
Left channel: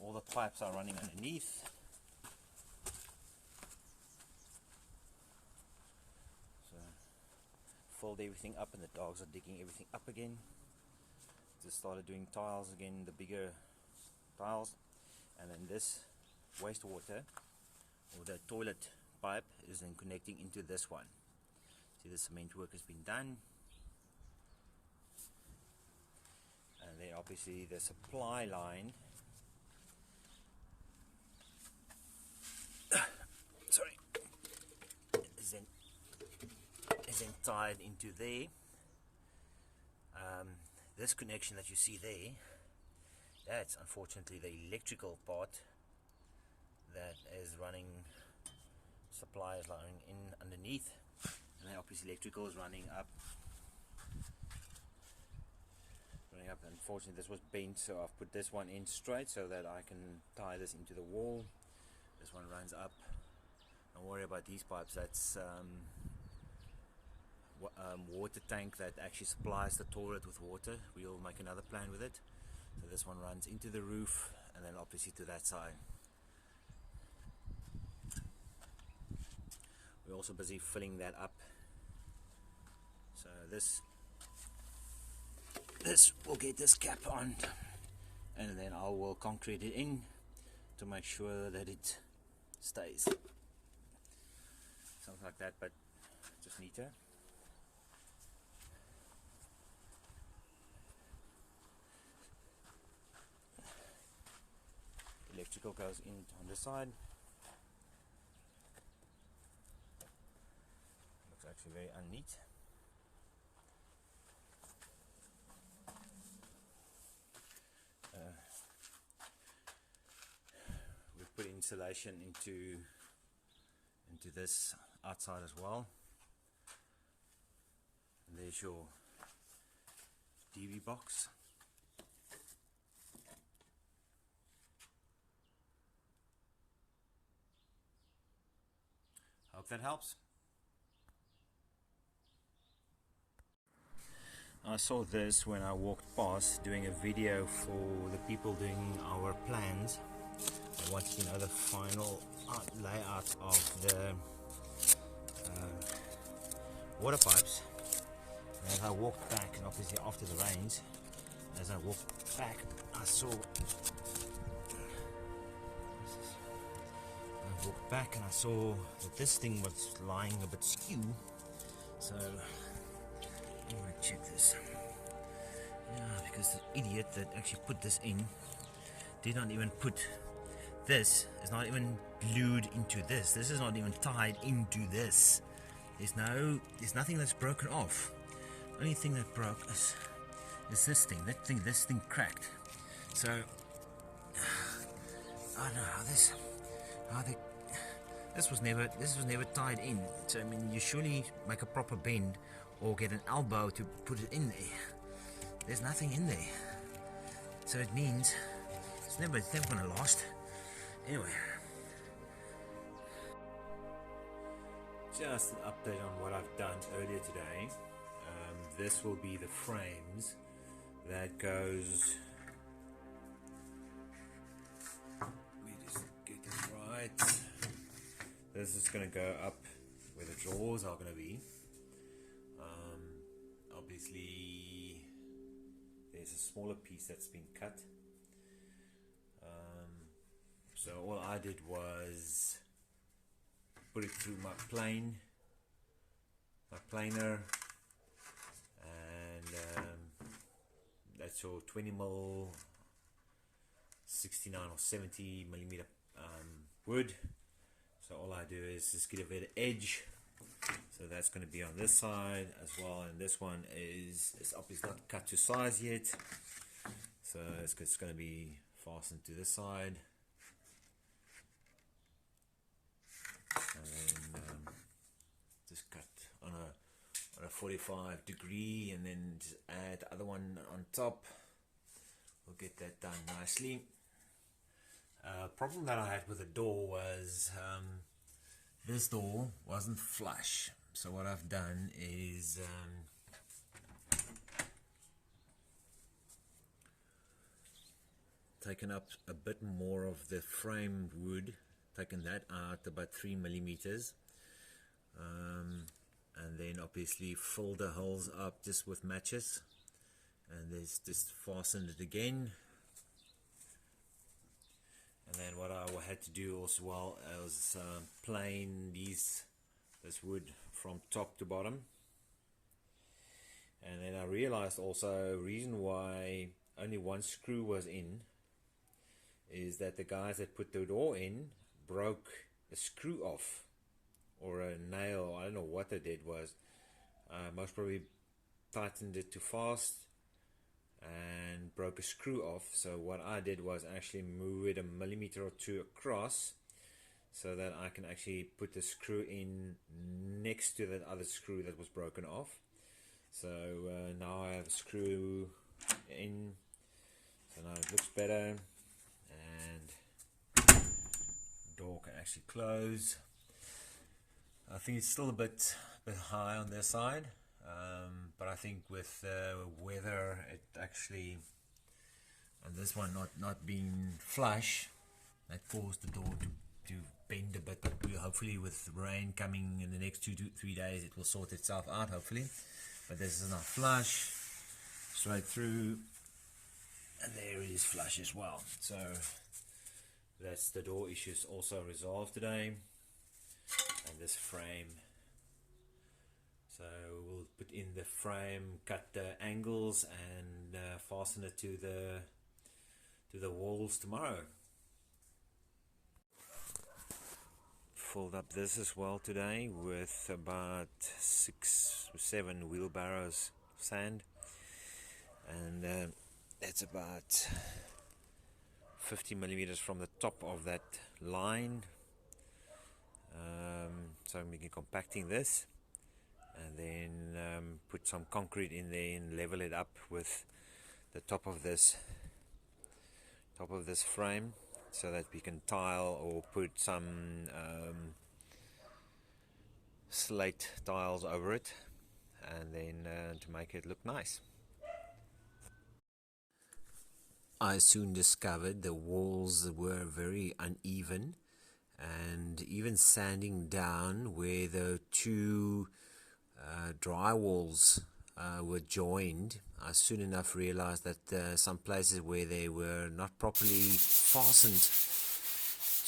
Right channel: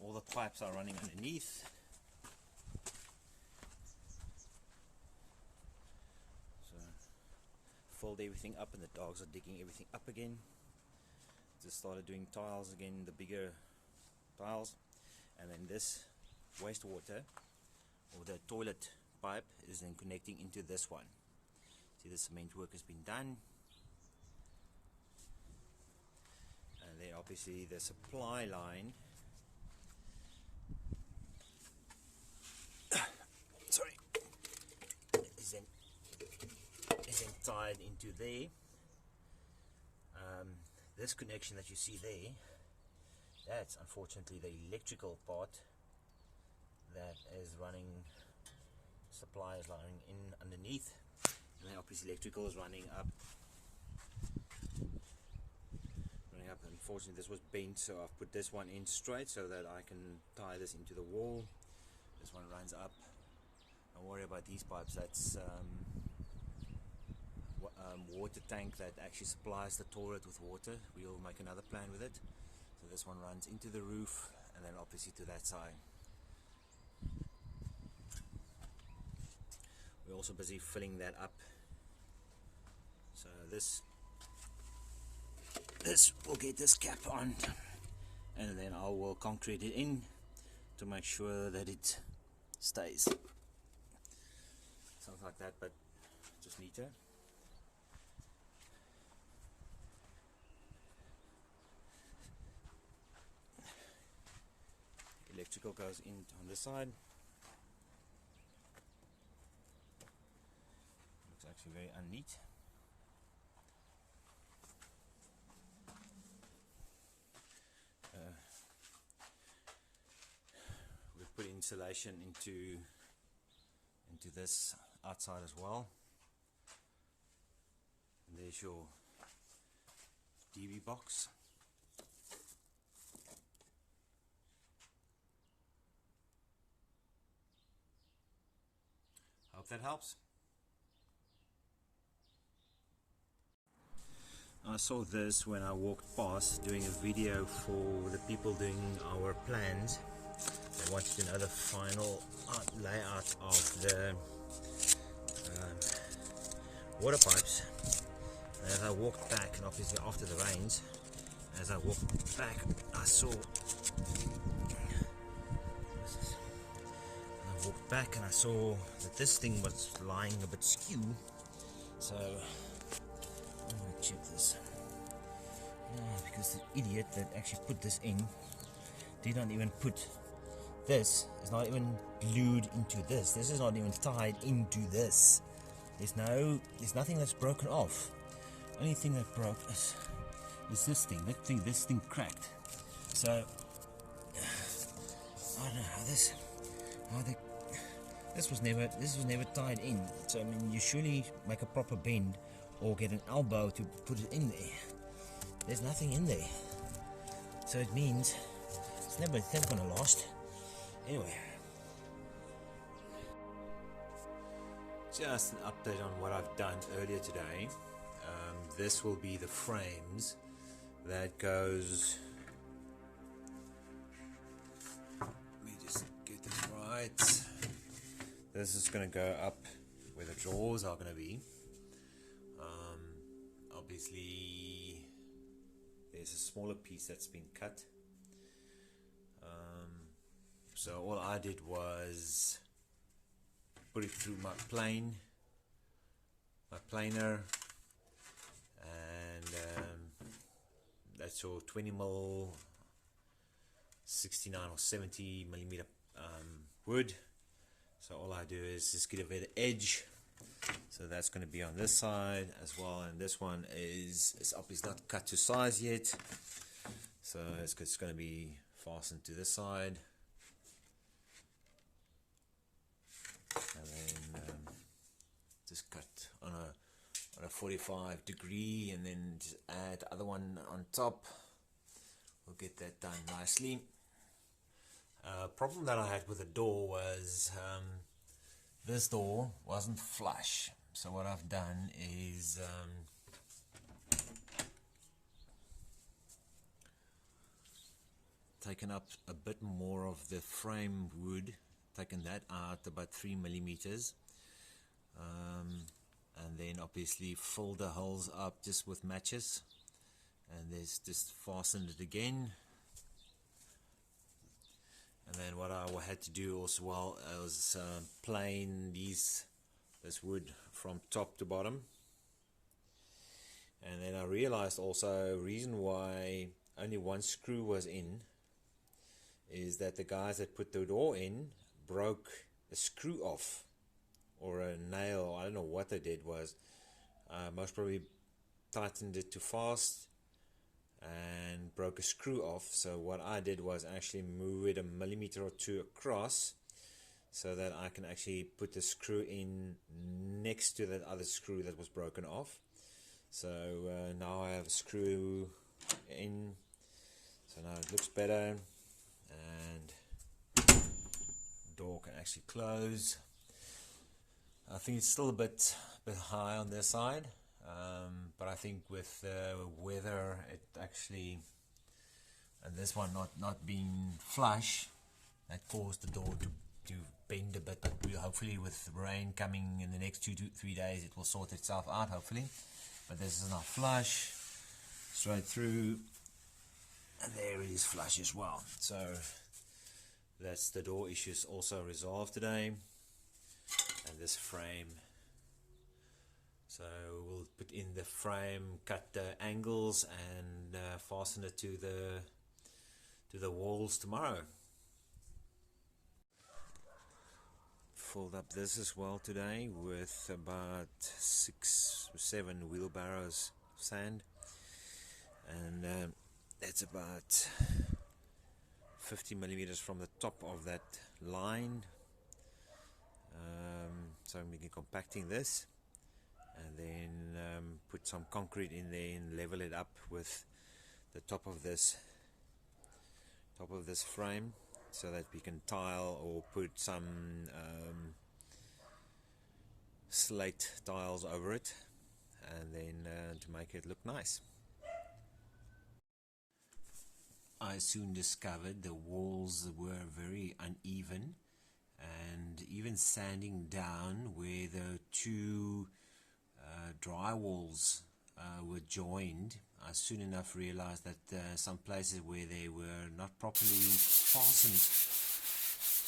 All the pipes are running underneath. So fold everything up, and the dogs are digging everything up again. Just started doing tiles again, the bigger tiles. And then this wastewater or the toilet pipe is then connecting into this one. See, the cement work has been done. And then obviously the supply line tied into there. This connection that you see there, that's unfortunately the electrical part that is running, supply is running in underneath, and then obviously electrical is running up. Unfortunately this was bent, so I've put this one in straight so that I can tie this into the wall. This one runs up. Don't worry about these pipes, that's water tank that actually supplies the toilet with water. We'll make another plan with it. So this one runs into the roof and then obviously to that side. We're also busy filling that up. So this will get this cap on, and then I will concrete it in to make sure that it stays. Something like that, but just neater. Electrical goes in on this side. Looks actually very unneat. We've put insulation into this outside as well. And there's your DV box. Hope that helps. I saw this when I walked past doing a video for the people doing our plans. They wanted to know the final layout of the water pipes. And as I walked back, and obviously after the rains, as I walked back, I saw. I walked back and I saw that this thing was lying a bit skew. So I'm gonna check this. Yeah, because the idiot that actually put this in did not even put this. Is not even glued into this. This is not even tied into this. There's nothing that's broken off. Only thing that broke is this thing. This thing cracked. So I don't know this was never tied in. So I mean, you surely make a proper bend or get an elbow to put it in there. There's nothing in there, so it means it's never gonna last. Anyway, just an update on what I've done earlier today. This will be the frames that goes. Let me just get this right. This is going to go up where the drawers are going to be. Obviously, there's a smaller piece that's been cut. So all I did was put it through my planer, and that's your 20mm, 69 or 70 millimeter wood. So all I do is just get a bit of edge. So that's going to be on this side as well, and this one is obviously not cut to size yet. So it's going to be fastened to this side, and then just cut on a 45 degree, and then just add the other one on top. We'll get that done nicely. Problem that I had with the door was this door wasn't flush, so what I've done is taken up a bit more of the frame wood, taken that out about 3mm, and then obviously filled the holes up just with matches, and there's just fastened it again. And then what I had to do also was plane this wood from top to bottom. And then I realized also reason why only one screw was in is that the guys that put the door in broke a screw off, or a nail. I don't know what they did. Was Most probably tightened it too fast and broke a screw off. So what I did was actually move it a millimeter or two across so that I can actually put the screw in next to that other screw that was broken off. So now I have a screw in, so now it looks better, and door can actually close. I think it's still a bit high on this side, but I think with the weather, it actually, and this one not being flush, that caused the door to bend a bit. But hopefully with rain coming in the next 2 to 3 days, it will sort itself out, hopefully. But this is not flush, straight through, and there it is flush as well. So that's the door issues also resolved today. And this frame, so we'll put in the frame, cut the angles, and fasten it to the walls tomorrow. Filled up this as well today with about 6 or 7 wheelbarrows of sand, and that's about 50 millimeters from the top of that line. So I'm making compacting this, and then put some concrete in there and level it up with the top of this frame, so that we can tile or put some slate tiles over it, and then to make it look nice. I soon discovered the walls were very uneven, and even sanding down where the two drywalls were joined, I soon enough realized that some places where they were not properly fastened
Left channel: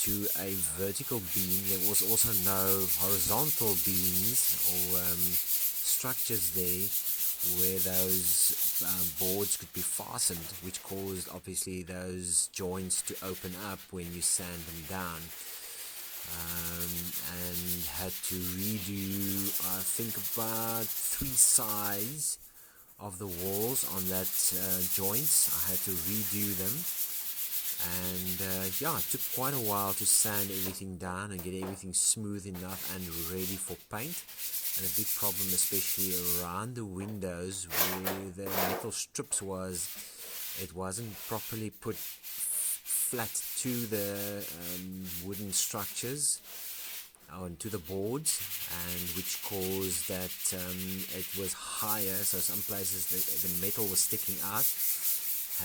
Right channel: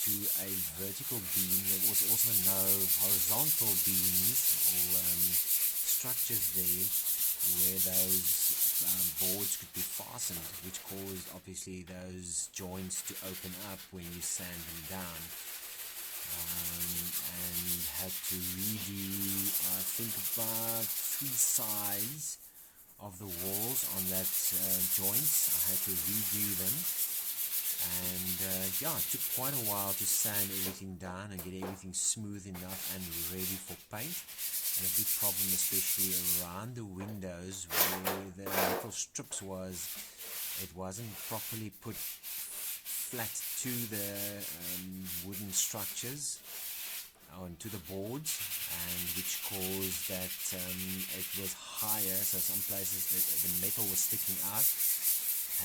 to a vertical beam, there was also no horizontal beams or structures there where those boards could be fastened, which caused obviously those joints to open up when you sand them down. And had to redo, I think, about 3 sides of the walls on that joints. I had to redo them, and yeah, it took quite a while to sand everything down and get everything smooth enough and ready for paint. And a big problem, especially around the windows where the metal strips was, it wasn't properly put flat to the wooden structures onto the boards, and which caused that it was higher, so some places the metal was sticking out.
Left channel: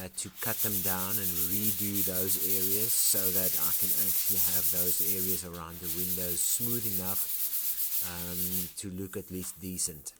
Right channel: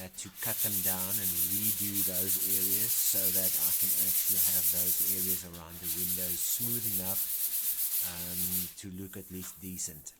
Had to cut them down and redo those areas so that I can actually have those areas around the windows smooth enough to look at least decent.